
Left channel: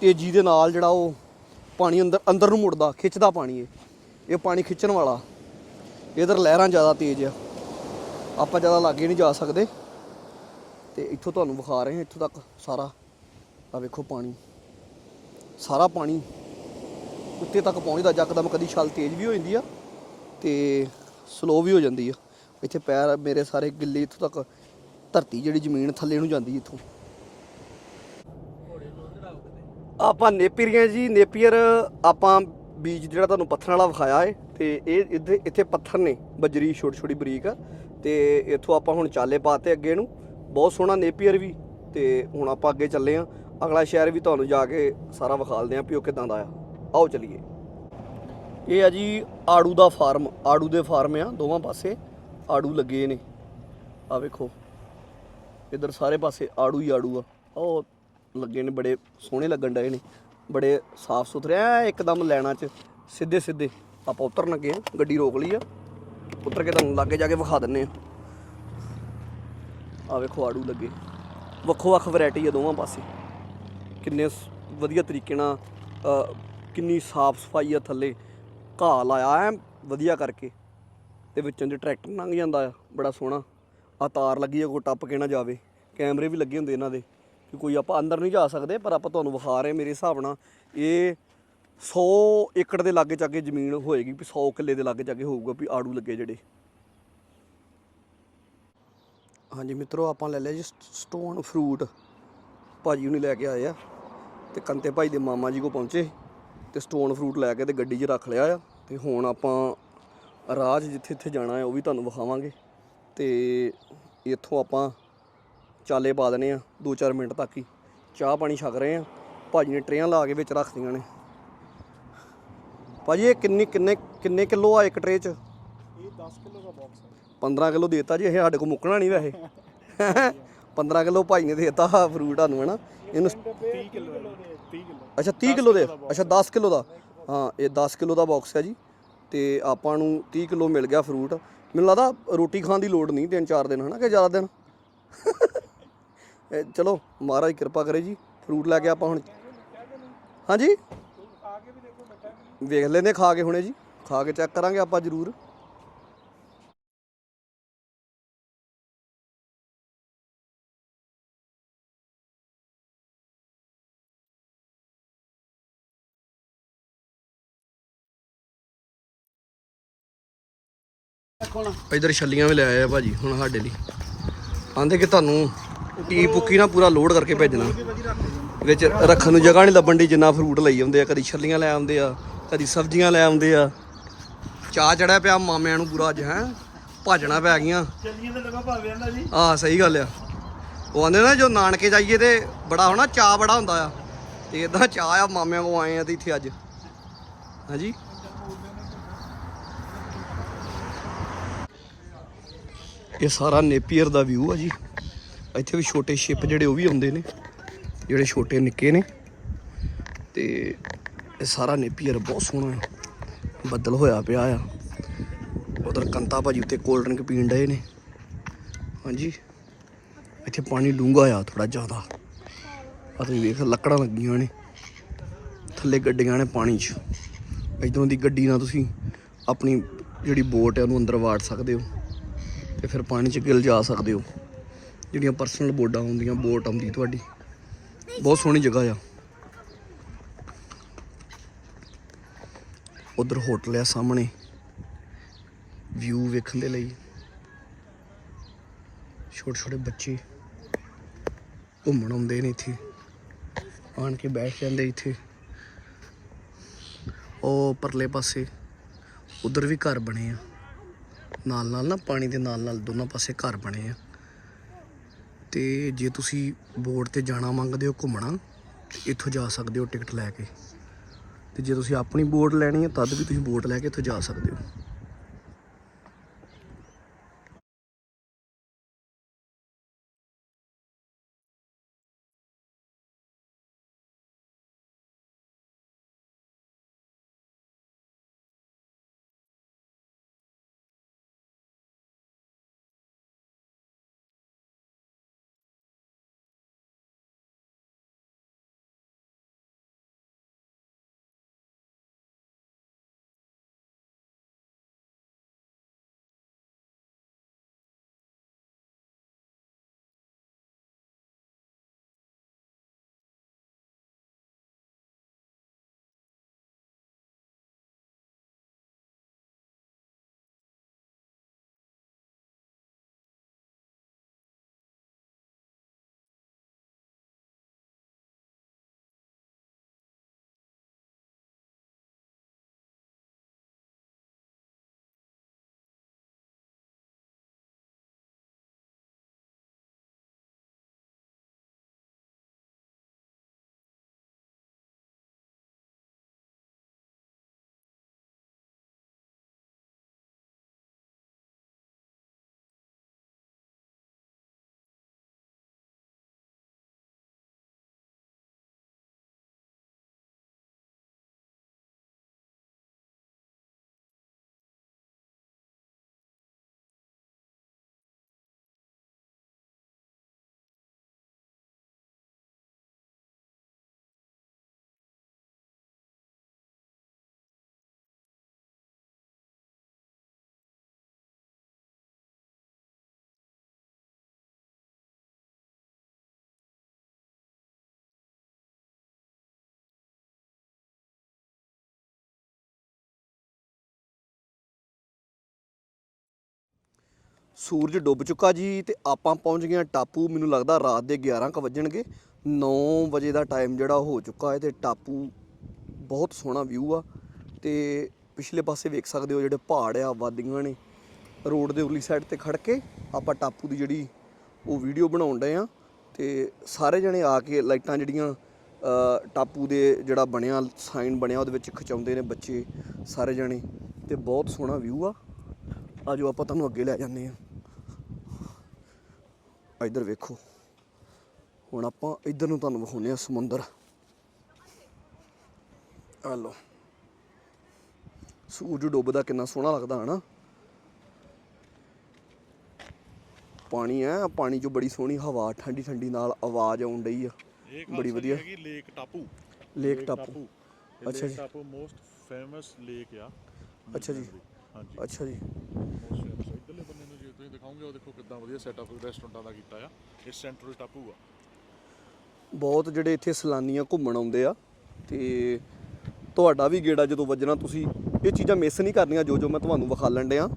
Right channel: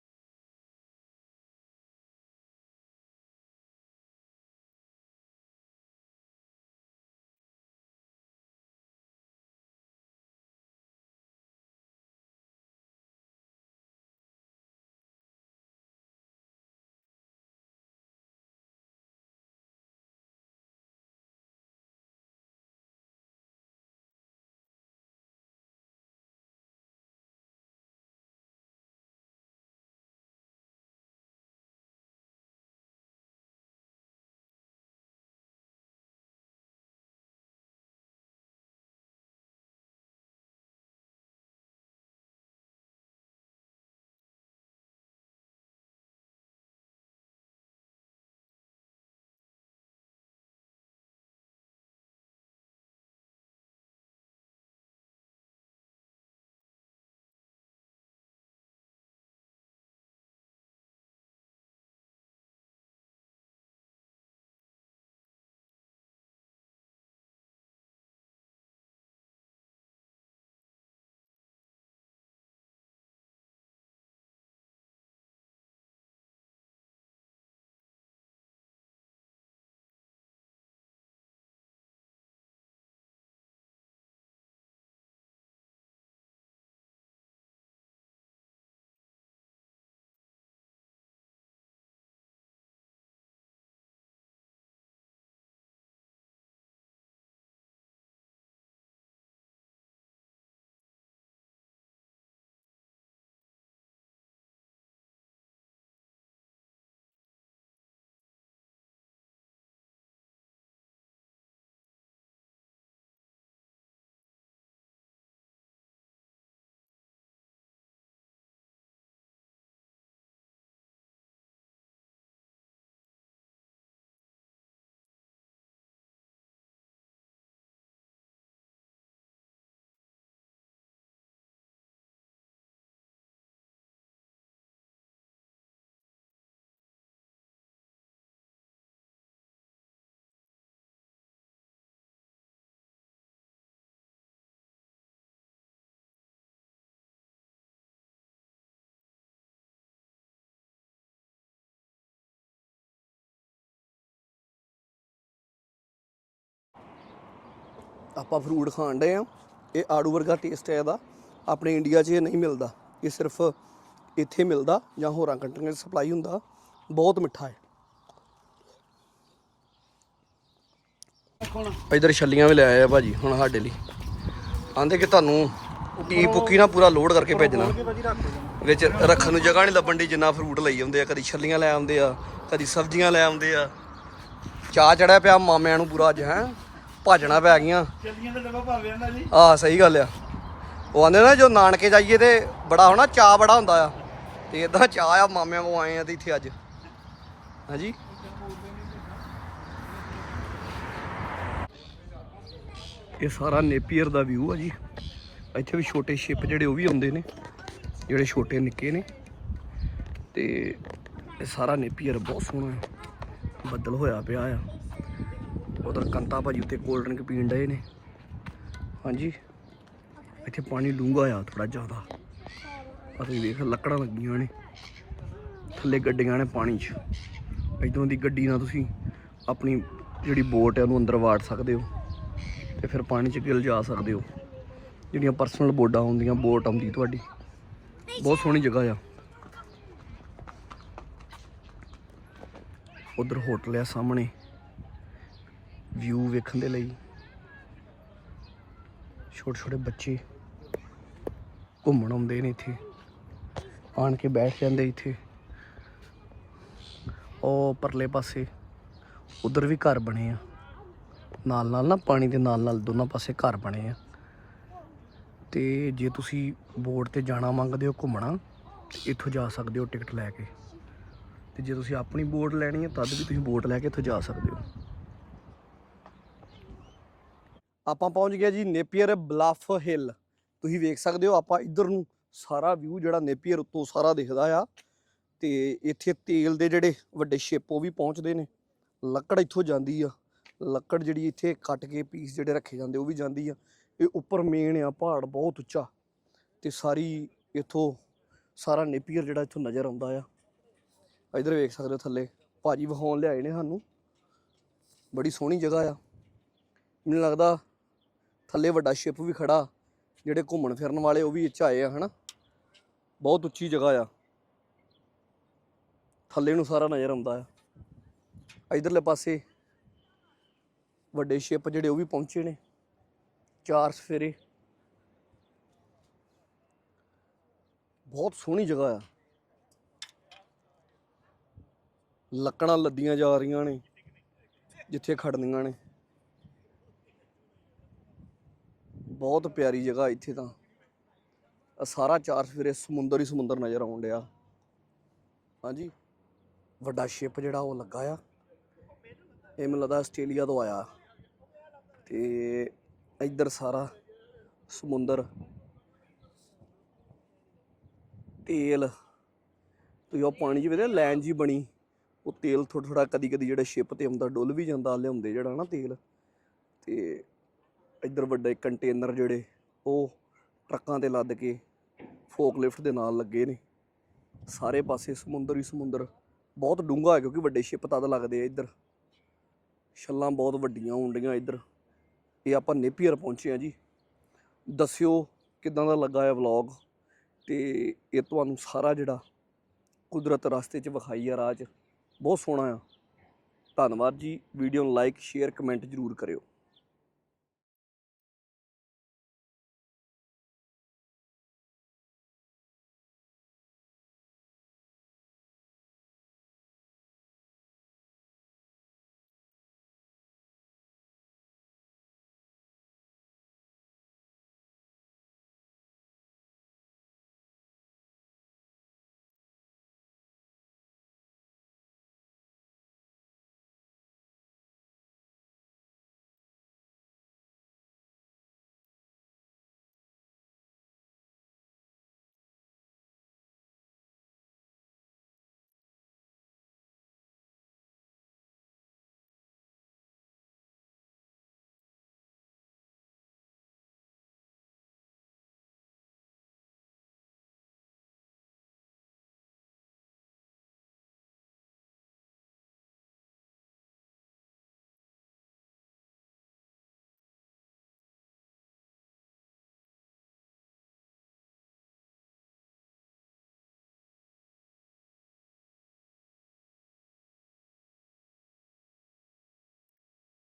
ਤੇਜ਼ੀ ਦੇ ਨਾਲ ਜਿਹੜਾ ਉਹ ਪਾਣੀ ਅੰਦਰ ਅੰਦਰ ਨੂੰ ਮੁੜਦਾ, ਖਿੱਚਦਾ ਪਾਣੀ ਏ ਇਹ ਪਾਣੀ ਖਿੱਚਣ ਵਾਲਾ। ਇਧਰ ਲਹਿਰਾਂ ਜ਼ਿਆਦਾ ਤੇਜ਼ ਆ। ਆਪਾਂ ਜ਼ਿਆਦਾ ਲਾਗੇ ਨਹੀਂ ਜਾ ਸਕਦੇ। ਤੇ ਇੱਥੋਂ ਤੁਹਾਨੂੰ ਵਿਖਾ ਰਹੇ ਹਾਂ, ਇੱਥੋਂ ਤੱਕ ਸਾਰਾ। ਆ ਵੇਖੋ ਪਾਣੀ। ਸਾਰਾ ਪਾਣੀ ਉੱਤੇ ਤੱਕ ਪਹੁੰਚਦਾ ਯਕਦਮ ਕਦੀ ਛਲ ਤੇਜ਼ ਵੀ ਹੋ ਜਾਂਦੀ ਆ ਤੇ ਸਲੋ ਵੀ ਹੋ ਜਾਂਦੀ ਆ। ਇੱਥੇ ਪੈਰ ਮੇਰੇ ਸਾਰੇ ਗਿੱਲੇ ਇੱਥੋਂ ਤੱਕ ਧਰਤੀ ਜਿਹੜੀ ਜ਼ਮੀਨ ਥੱਲੇ ਨੂੰ ਜਾਂਦੀ ਇੱਥੋਂ। ਆਪਾਂ ਨੇਪੀਰੀਆਂ ਜੀ, ਨੇਪੀਅਰ ਆਪਾਂ ਬੀਜ ਜਿਹੜਾ ਤੁਹਾਨੂੰ ਪੱਥਰ ਵਾਲਾ ਵਿਖਾਇਆ ਏ, ਤੇ ਇਹ ਇੱਥੇ ਇੱਥੇ ਪੱਥਰ ਨੇ, ਬਜਰੀ ਛੋਟੀ ਛੋਟੀ ਬਰੀਕ ਆ, ਤੇ ਇੱਥੋਂ ਆਪਾਂ ਹੁਣ ਚਾਲੇ ਪਾਤੇ ਅੱਗੇ ਨੂੰ, ਬਹੁਤ ਸੋਹਣਾ ਨੇਪੀਅਰ ਵੀ, ਤੇ ਹੁਣ ਆਪਾਂ ਅੱਗੇ ਚੱਲੇ ਆ, ਅਗਲਾ ਸ਼ਹਿਰ ਵੀ ਤੁਹਾਨੂੰ ਜਾ ਕੇ ਸਾਰਾ ਵਿਖਾਲਦੇ ਆ ਵੀ ਉਹ ਕਿਦਾਂ ਦਾ ਆ। ਆਓ ਚਲੀਏ। ਇਹ ਆ ਜੀ ਆੜੂ ਦਾ ਫਾਰਮ, ਆੜੂ ਦੇ ਫਾਰਮ ਆ ਦੋਵਾਂ ਪਾਸੇ, ਆੜੂ ਲੱਗੇ ਨੇ। ਆ ਵੇਖੋ। ਇਧਰ ਸਾਰੇ ਪਾਸੇ ਆੜੂ ਹੀ ਆੜੂ ਆ। ਉਹ ਲੱਗੇ ਨੇ ਬੜੇ ਸੋਹਣੇ ਲੱਗਣ ਡਏ ਨੇ, ਬੜੇ ਸਾਫ਼ ਸੁਥਰੇ ਆ ਇੱਕਦਮ ਲੈਣਾ ਚ। ਸਿੱਧੇ ਸਿੱਧੇ ਆਪਾਂ ਉਤਰਨ ਲੱਗੇ ਆ, ਗੱਡੀ ਰੋਕ ਲਈ ਆ। ਉਤਰ ਕੇ ਤੁਹਾਨੂੰ ਲਾਗੇ ਜਾ ਕੇ ਵਿਖਾ ਦਿੰਨੇ ਆ। ਆ ਵੇਖੋ ਆੜੂ ਲੱਗੇ। ਵੱਖੋ ਵੱਖ ਵੈਰਾਈਟੀ ਆ ਦੋਵਾਂ ਪਾਸੇ। ਕਿੰਨੇ ਸ- ਵਧੀਆ ਤਰੀਕੇ ਨਾਲ ਕਿੰਨੀ ਸਾਫ਼ ਸਫ਼ਾਈ ਆ ਥੱਲੇ। ਘਾਹ ਲਾਇਆ ਐ, ਵਧੀਆ ਕਰਕੇ। ਤੇ ਵਿੱਚੋਂ ਦੀ ਟਰੈਕਟਰ ਲੰਘ ਜਾਂਦਾ ਆ, ਬੜਾ ਸੋਹਣਾ। ਆ ਤਾਰ ਲੱਗੀ ਆ, ਕੋਈ ਟੱਪ ਕੇ ਨਾ ਜਾਵੇ। ਕੈਮਰੇ ਵੀ ਲੱਗੇ ਹੁੰਦੇ ਇਹਨਾਂ ਦੇ ਕਿ ਕੋਈ ਆਪਾਂ ਅੰਦਰ ਨਹੀਂ ਜਾ ਸਕਦੇ, ਪਰ ਆਪਾਂ ਤੁਹਾਨੂੰ ਵਿਖਾ ਰਹੇ ਮੇਰੇ ਹਿਸਾਬ ਨਾਲ। ਇਹ 100 ਏਕੜ ਦੇ ਲਾਗੇ ਚਾਗੇ ਜ਼ਮੀਨ ਹੋਏਗੀ, ਵੀ 100 ਕਿੱਲੇ ਦੇ ਲਾਗੇ ਚਾਗੇ ਹੋਊਗਾ ਵੀ ਆੜੂ ਲੱਗੇ ਜਿਹੜੇ। ਹਾਂਜੀ ਮਿੱਤਰੋ, ਆਪਾਂ ਲੈ ਲਿਆ ਜੀ ਸਟੋਨ ਫਰੂਟ ਭਾਜੀ ਉਹਨੇ ਲੈ ਕੇ ਆਏ ਆ, ਤੇ ਕੰਤੇ ਭਾਈ ਦੇ ਮਾਮਾ ਜੀ ਕੋ ਪਹੁੰਚੇ, ਤੇ ਸਟੋਨ ਫਰੂਟ ਲੈ ਕੇ ਤੇ ਗੱਡੀ 'ਚ ਰੱਖ ਲਿਆ ਆ, ਤੇ ਹੁਣ ਆਪਾਂ ਰਾਜ ਜਿੱਥੇ ਇੱਥੇ ਜਾਣਾ ਹੈ ਉਹ ਵੀ ਤੁਹਾਨੂੰ ਵਿਖਾਵਾਂਗੇ। ਤੇ ਇੱਥੋਂ ਆਪਾਂ ਚਾਲੇ ਪਾ ਦਨੇ ਆ 2-4 ਮਿੰਟ ਤੱਕ ਹੀ। ਚਾਹ ਪਾਣੀ ਛਕ ਰਹੇ ਆ। ਭਾਜੀ ਨੇ ਟਰੇਆਂ ਲਾ ਕੇ ਵਿੱਚ ਰੱਖਦੀਆਂ ਨੇ। ਭਾਜੀ ਇਹ ਕਿੰਨੇ ਕਿੰਨੇ ਕਿੰਨੇ ਕਿਲੋ ਆ ਇੱਕ ਟਰੇ 'ਚ? ਇਹ 10 ਕਿਲੋ ਦਾ ਬਾਕਸ ਹੈ 15 ਕਿਲੋ ਦੇਤਾ ਜੀ ਇਹ ਸਾਡੇ ਕੋਲ ਮੁੱਕਣਾ ਨਹੀਂ ਵੈਸੇ। 15 ਕਿਲੋ ਭਾਈ ਨੇ ਦੇਤਾ ਫਰੂਟ ਸਾਨੂੰ ਹਨਾ? ਇਹਨੂੰ 30 ਕਿਲੋ ਦੇ 30 ਕਿਲੋ ਅੱਛਾ 30 ਕਿਲੋ ਦੇ? ਅੱਛਾ 10 ਕਿਲੋ ਦਾ। ਹਾਂ ਇਹ 10 ਕਿਲੋ ਦਾ ਬਾਕਸ ਹੈ ਜੀ। ਤੇ ਆਪਾਂ ਨੂੰ 30 ਕਿਲੋ ਮਿਲ ਗਿਆ ਫਰੂਟ ਮੈਨੂੰ ਲੱਗਦਾ ਰੋਟੀ ਖਾਣ ਦੀ ਲੋੜ ਨਹੀਂ ਤਿੰਨ ਚਾਰ ਦਿਨ, ਹਨਾ ਕਿ ਜ਼ਿਆਦਾ ਦਿਨ? ਇਹ ਚਲੋ ਮਹਾਰਾਜ ਕਿਰਪਾ ਕਰੇ ਜੀ, ਫਰੂਟ ਲੈ ਕੇ ਆਪਾਂ ਹੁਣ। ਹਾਂਜੀ? ਵੇਖ ਲੈਂਦੇ ਖਾ ਕੇ ਹੁਣੇ ਜੀ, ਖਾ ਕੇ ਚੈੱਕ ਕਰਾਂਗੇ ਆਪਾਂ ਜ਼ਰੂਰ। ਆਪਾਂ ਫਰੂਟ ਖਾਣ ਡਏ ਆ, ਇਹ ਆੜੂ ਵਰਗਾ ਟੇਸਟ ਹੈ ਇਹਦਾ। ਆਪਣੇ ਇੰਡੀਆ 'ਚ ਇਹ ਨਹੀਂ ਮਿਲਦਾ, ਇਹ ਸਿਰਫ ਇੱਥੇ ਮਿਲਦਾ ਜਾਂ ਹੋਰਾਂ ਕੰਟਰੀਆਂ 'ਚ ਸਪਲਾਈ ਹੁੰਦਾ, ਬਹੁਤ ਮਿੱਠਾ ਹੈ। ਇਧਰ ਛੱਲੀਆਂ ਵੀ ਲੈ ਆਏ ਆ ਭਾਜੀ ਹੁਣ ਸਾਡੇ ਲਈ। ਆਂਦੇ ਕਿ ਤੁਹਾਨੂੰ ਟੀ ਪੁੱਕੀ ਨਾ ਪੂਰਾ ਲੋਡ ਕਰਕੇ ਭੇਜਣਾ। ਵਿੱਚ ਰੱਖਣ ਨੂੰ ਜਗ੍ਹਾ ਨਹੀਂ ਲੱਭਣ ਦੀ ਜਿੰਨਾ ਫਰੂਟ ਲਈ ਆਉਂਦੇ ਆ। ਕਦੀ ਛੱਲੀਆਂ ਲੈ ਆਉਂਦੇ ਆ ਕਦੀ ਸਬਜ਼ੀਆਂ ਲੈ ਆਉਂਦੇ ਆ। ਚਾਹ ਚੜਿਆ ਪਿਆ ਮਾਮਿਆਂ ਨੂੰ ਪੂਰਾ ਅੱਜ ਹੈ? ਭਾਜਣਾ ਪੈ ਗਈਆਂ। ਚੱਲੀਆਂ ਦਾ ਡੱਬਾ ਭਰ ਲਿਆਂਦਾ ਜੀ। ਆਹ ਸਹੀ ਗੱਲ ਆ। ਉਹ ਆਂਦੇ ਨਾ ਜੋ ਨਾਨਕੇ ਜਾਈਏ ਤੇ ਬੜਾ ਹੋਣਾ ਚਾਹ ਬੜਾ ਹੁੰਦਾ ਆ। ਤੇ ਇਦਾਂ ਚਾਹ ਆ ਮਾਮਿਆਂ ਕੋ ਆਏ ਆ ਤੇ ਇੱਥੇ ਅੱਜ। ਹਾਂਜੀ? ਇਹ ਸਾਰਾ ਨੇਪੀਅਰ ਦਾ ਵਿਊ ਆ ਜੀ। ਇੱਥੇ ਵੀ ਛੋਟੇ ਸ਼ਿਪ ਜਿਹੜੇ ਉਹ ਵੀ ਆਉਂਦੇ ਨੇ, ਜਿਹੜੇ ਛੋਟੇ ਨਿੱਕੇ ਨੇ। ਤੇ ਇਹ ਸਾਰਾ ਨੇਪੀਅਰ ਬਹੁਤ ਸੋਹਣਾ ਆ। ਬੱਦਲ ਹੋਇਆ ਪਿਆ ਆ। ਉਧਰ ਕੰਤਾ ਭਾਜੀ ਉੱਤੇ ਕੋਲਡ ਡਰਿੰਕ ਪੀਣ ਡਏ ਨੇ। ਹਾਂਜੀ। ਇੱਥੇ ਪਾਣੀ ਡੂੰਘਾ ਆ ਥੋੜਾ ਜ਼ਿਆਦਾ। ਆ ਤੁਸੀਂ ਵੇਖ, ਲੱਕੜਾਂ ਲੱਗੀਆਂ ਨੇ। ਥੱਲੇ ਗੱਡੀਆਂ ਨੇ ਪਾਣੀ 'ਚ। ਇਧਰੋਂ ਦੀ ਗੱਡੀ ਨਾਲ ਤੁਸੀਂ ਆਪਣੀ ਜਿਹੜੀ ਬੋਟ ਹੈ ਉਹਨੂੰ ਅੰਦਰ ਵਾੜ ਸਕਦੇ ਹੋ। ਤੇ ਫਿਰ ਪਾਣੀ 'ਚ ਗਿਲ ਜਾ ਸਕਦੇ ਹੋ। ਜਿਹੜੀਆਂ ਪਰਸਨਲ ਬੋਟਾਂ ਹੁੰਦੀਆਂ, ਬੋਟ ਆਉਂਦੀ ਤੁਹਾਡੀ। ਬਹੁਤ ਸੋਹਣੀ ਜਗ੍ਹਾ ਆ। ਉਧਰ ਹੋਟਲ ਆ ਸਾਹਮਣੇ। ਵਿਊ ਵੇਖਣ ਦੇ ਲਈ। ਛੋਟੇ ਛੋਟੇ ਬੱਚੇ ਘੁੰਮਣ ਆਉਂਦੇ ਨੇ ਇੱਥੇ। ਆਣ ਕੇ ਬੈਠ ਜਾਂਦੇ ਇੱਥੇ। ਉਹ ਪਰਲੇ ਪਾਸੇ। ਉਧਰ ਵੀ ਘਰ ਬਣੇ ਆ। ਨਾਲ ਨਾਲ ਨਾ ਪਾਣੀ ਦੇ ਨਾਲ ਨਾਲ ਦੋਨਾਂ ਪਾਸੇ ਘਰ ਬਣੇ ਆ। ਤੇ ਜੇ ਤੁਸੀਂ ਬੋਟ ਤੇ ਜਾਣਾ ਮੰਗਦੇ ਹੋ ਘੁੰਮਣਾ, ਤੇ ਇੱਥੋਂ ਜਾ ਸਕਦੇ ਹੋ ਟਿਕਟ ਲੈ ਕੇ। ਤੇ ਜੇ ਤੁਸੀਂ ਆਪਣੀ ਬੋਟ ਲੈਣੀ ਹੈ ਤਦ ਵੀ ਤੁਸੀਂ ਬੋਟ ਲੈ ਕੇ ਇੱਥੋਂ ਜਾ ਸਕਦੇ ਹੋ। ਆਪਾਂ ਪਹੁੰਚ ਗਏ ਜੀ ਨੇਪੀਅਰ ਬਲੱਫ ਹਿੱਲ। ਤੁਸੀਂ ਵੇਖ ਸਕਦੇ ਹੋ ਆਪਾਂ ਇੱਧਰ ਨੂੰ ਸਾਰਾ ਵਿਊ ਜਿਹੜਾ ਨੇਪੀਅਰ ਉੱਤੋਂ ਸਾਰਾ ਦਿਖਦਾ ਆ। ਤੇ ਇੱਥੇ ਤੇਲ ਦੇ ਜਿਹੜੇ ਵੱਡੇ ਸ਼ਿਪ ਉਹ ਵੀ ਪਹੁੰਚਦੇ ਨੇ। ਲੱਕੜ ਇੱਥੋਂ ਜਾਂਦੀ ਆ। ਲੱਕੜ ਜਿਹੜੀ ਇੱਥੇ ਕੱਟ ਕੇ ਪੀਸ ਜਿਹੜੇ ਰੱਖੇ ਜਾਂਦੇ ਉਹ ਵੀ ਜਾਂਦੀ ਆ। ਇਹ ਉੱਪਰ ਮੇਨ ਆ, ਪਹਾੜ ਬਹੁਤ ਉੱਚਾ ਤੇ ਸਾਰੀ ਇੱਥੋਂ ਸਾਰਾ ਨੇਪੀਅਰ ਜਿਹੜਾ ਇੱਥੋਂ ਨਜ਼ਰ ਆਉਂਦਾ ਆ। ਇਧਰ ਵੇਖ ਸਕਦੇ ਹੋ ਥੱਲੇ, ਭਾਜੀ ਵਿਖਾਉਣ ਲਿਆਏ ਨੇ ਸਾਨੂੰ। ਬੜੀ ਸੋਹਣੀ ਜਗ੍ਹਾ ਆ। ਮੈਨੂੰ ਲੱਗਦਾ ਥੱਲੇ ਵੱਡਾ ਸ਼ਿਪ ਵੀ ਖੜਾ, ਜਿਹੜੇ ਘੁੰਮਣ ਫਿਰਨ ਵਾਲੇ ਉਹ ਵੀ ਇੱਥੇ ਆਏ ਆ, ਹਨਾ? ਬਹੁਤ ਉੱਚੀ ਜਗ੍ਹਾ ਆ। ਥੱਲੇ ਨੂੰ ਸਾਰਾ ਨਜ਼ਰ ਆਉਂਦਾ ਆ। ਇਧਰਲੇ ਪਾਸੇ ਵੱਡੇ ਸ਼ਿਪ ਜਿਹੜੇ ਉਹ ਵੀ ਪਹੁੰਚੇ ਨੇ। ਚਾਰ ਸਫੇਰੇ। ਬਹੁਤ ਸੋਹਣੀ ਜਗ੍ਹਾ ਆ। ਲੱਕੜਾਂ ਲੱਦੀਆਂ ਜਾ ਰਹੀਆਂ ਨੇ, ਜਿੱਥੇ ਖੜਨੀਆਂ ਨੇ। ਬਹੁਤ ਪਿਆਰੀ ਜਗ੍ਹਾ ਇੱਥੇ ਤਾਂ। ਆਹ ਸਾਰਾ ਚਾਰ ਸਵੇਰੇ ਸਮੁੰਦਰ ਹੀ ਸਮੁੰਦਰ ਨਜ਼ਰ ਆਉਣ ਡਿਆ। ਹਾਂਜੀ। ਵੱਡਾ ਸ਼ਿਪ ਜਿਹੜਾ ਉਹ ਲੱਗਾ ਆ। ਇਹ ਮੈਨੂੰ ਲੱਗਦਾ ਆਸਟ੍ਰੇਲੀਆ ਤੋਂ ਆਇਆ। ਤੇ ਇੱਧਰ ਸਾਰਾ ਸਮੁੰਦਰ, ਤੇਲ, ਤੁਸੀਂ ਉਹ ਪਾਣੀ 'ਚ ਵੇਖਦੇ ਲੈਨ ਜੀ ਬਣੀ, ਉਹ ਤੇਲ ਥੋੜਾ ਥੋੜਾ ਕਦੀ ਕਦੀ ਜਿਹੜਾ ਸ਼ਿਪ ਤੇ ਆਉਂਦਾ, ਡੁੱਲ ਵੀ ਜਾਂਦਾ ਲਿਆਉਂਦੇ ਜਿਹੜਾ ਨਾ ਤੇਲ। ਤੇ ਇੱਧਰ ਵੱਡੇ ਕੰਟੇਨਰ ਜਿਹੜੇ, ਉਹ ਟਰੱਕਾਂ ਤੇ ਲੱਦ ਕੇ ਫੋਕਲਿਫਟ ਦੇ ਨਾਲ ਲੱਗੇ ਨੇ। ਸਾਰੇ ਪਾਸੇ ਸਮੁੰਦਰ ਹੀ ਸਮੁੰਦਰ। ਬਹੁਤ ਡੂੰਘਾ ਹੈ ਕਿਉਂਕਿ ਵੱਡੇ ਸ਼ਿਪ ਤਦ ਲੱਗਦੇ ਆ ਇੱਧਰ। ਛੱਲਾਂ ਬਹੁਤ ਵੱਡੀਆਂ ਹੁੰਦੀਆਂ ਇੱਧਰ। ਇਹ ਆਪਾਂ ਨੇਪੀਅਰ ਪਹੁੰਚੇ ਆ ਜੀ। ਦੱਸਿਓ ਕਿਦਾਂ ਦਾ ਲੱਗਾ ਹੈ ਵਲੌਗ ਤੇ ਇਹ ਤੁਹਾਨੂੰ ਸਾਰਾ ਜਿਹੜਾ ਕੁਦਰਤ ਰਸਤੇ 'ਚ ਵਿਖਾਈ ਆ ਰਾਜ ਬਹੁਤ ਸੋਹਣਾ ਆ। ਧੰਨਵਾਦ ਜੀ ਵੀਡੀਓ ਨੂੰ ਲਾਈਕ ਸ਼ੇਅਰ ਕਮੈਂਟ ਜ਼ਰੂਰ ਕਰਿਓ। ਸੂਰਜ ਡੁੱਬ ਚੁੱਕਾ ਜੀ ਤੇ ਆਪਾਂ ਪਹੁੰਚ ਗਏ ਹਾਂ ਟਾਪੂ। ਮੈਨੂੰ ਲੱਗਦਾ ਰਾਤ ਦੇ 11 ਕ ਵੱਜਣਗੇ। 9 ਵਜੇ ਦਾ ਟਾਈਮ ਜਿਹੜਾ ਹੋ ਚੁੱਕਾ ਹੈ ਤੇ ਟਾਪੂ ਬਹੁਤ ਸੋਹਣਾ ਵਿਊ ਆ ਤੇ ਪਿਛਲੇ ਪਾਸੇ ਵੇਖ ਸਕਦੇ ਹੋ ਜਿਹੜੇ ਪਹਾੜ ਆ, ਵਾਦੀਆਂ ਨੇ। ਰੋਡ ਦੇ ਉਰਲੀ ਸਾਈਡ ਤੇ ਖੜ ਕੇ ਆਪਾਂ ਟਾਪੂ ਦੀ ਜਿਹੜੀ ਉਹ ਵੀਡੀਓ ਬਣਾਉਣ ਡਏ ਆ ਤੇ ਸਾਰੇ ਜਣੇ ਆ ਕੇ ਲਾਈਟਾਂ ਜਿਹੜੀਆਂ ਟਾਪੂ ਦੇ ਜਿਹੜਾ ਬਣਿਆ ਸਾਈਨ ਬਣਿਆ, ਉਹਦੇ ਵਿੱਚ ਖਿਚਾਉਂਦੇ ਨੇ ਬੱਚੇ ਸਾਰੇ ਜਣੇ ਤੇ ਬਹੁਤ ਸੋਹਣਾ ਵਿਊ ਆ। ਆਜੋ ਆਪਾਂ ਤੁਹਾਨੂੰ ਅੱਗੇ ਲੈ ਜਾਂਦੇ ਆ। ਇੱਧਰ ਵੇਖੋ। ਹੁਣ ਆਪਾਂ ਇੱਧਰ ਨੂੰ ਤੁਹਾਨੂੰ ਵਿਖਾਉਂਦੇ ਆ ਸਮੁੰਦਰ। ਆ ਲਓ। ਸੂਰਜ ਡੁੱਬਦਾ ਕਿੰਨਾ ਸੋਹਣਾ ਲੱਗਦਾ, ਹਨਾ? ਪਾਣੀ ਆ ਪਾਣੀ 'ਚੋਂ ਬੜੀ ਸੋਹਣੀ ਹਵਾ ਠੰਡੀ ਠੰਡੀ ਨਾਲ ਆਵਾਜ਼ ਆਉਣ ਡਈ ਆ। ਬੜੀ ਵਧੀਆ। ਹੈਗੀ ਲੇਕ ਟਾਪੂ। ਲੇਕ ਟਾਪੂ। ਅੱਛਾ ਜੀ। ਟਾਪੂ ਮੋਸਟ ਫੇਮਸ ਲੇਕ ਆ। ਅੱਛਾ ਜੀ। ਹਾਂਜੀ। ਅੱਛਾ ਜੀ। ਮੋਸਟ ਫੇਮਸ ਇਧਰਲੇ ਬੰਨੇ ਨੂੰ ਜੇ ਤੁਸੀਂ ਦਿਖਾਓਗੇ ਉਹ ਦੇਖੋ ਕਿੱਦਾਂ ਵਧੀਆ ਸੈਟਅਪ ਰੈਸਟੋਰੈਂਟਾਂ ਦਾ ਕੀਤਾ ਆ। ਇਹ ਸੈਂਟਰਲ ਟਾਪੂ ਆ। ਬਹੁਤ ਜਿਹੜੇ ਇੱਥੇ ਸੈਲਾਨੀਆਂ ਘੁੰਮਣ ਆਉਂਦੇ ਆ ਤੇ ਤੁਹਾਡਾ ਵੀ ਗੇੜਾ ਜਦੋਂ ਵੱਜਣਾ ਤੁਸੀਂ ਇਹ ਚੀਜ਼ਾਂ ਮਿਸ ਨਹੀਂ ਕਰਨੀਆਂ ਜੋ ਜੋ ਮੈਂ ਤੁਹਾਨੂੰ ਵਿਖਾਲਣ ਡਿਆ।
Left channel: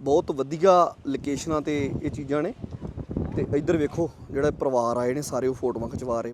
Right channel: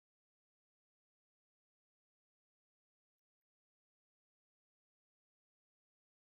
ਬਹੁਤ ਵਧੀਆ ਲੋਕੇਸ਼ਨਾਂ ਤੇ ਇਹ ਚੀਜ਼ਾਂ ਨੇ। ਤੇ ਇੱਧਰ ਵੇਖੋ, ਜਿਹੜਾ ਪਰਿਵਾਰ ਆਏ ਨੇ ਸਾਰੇ ਉਹ ਫੋਟੋਆਂ ਖਿਚਵਾ ਰਹੇ।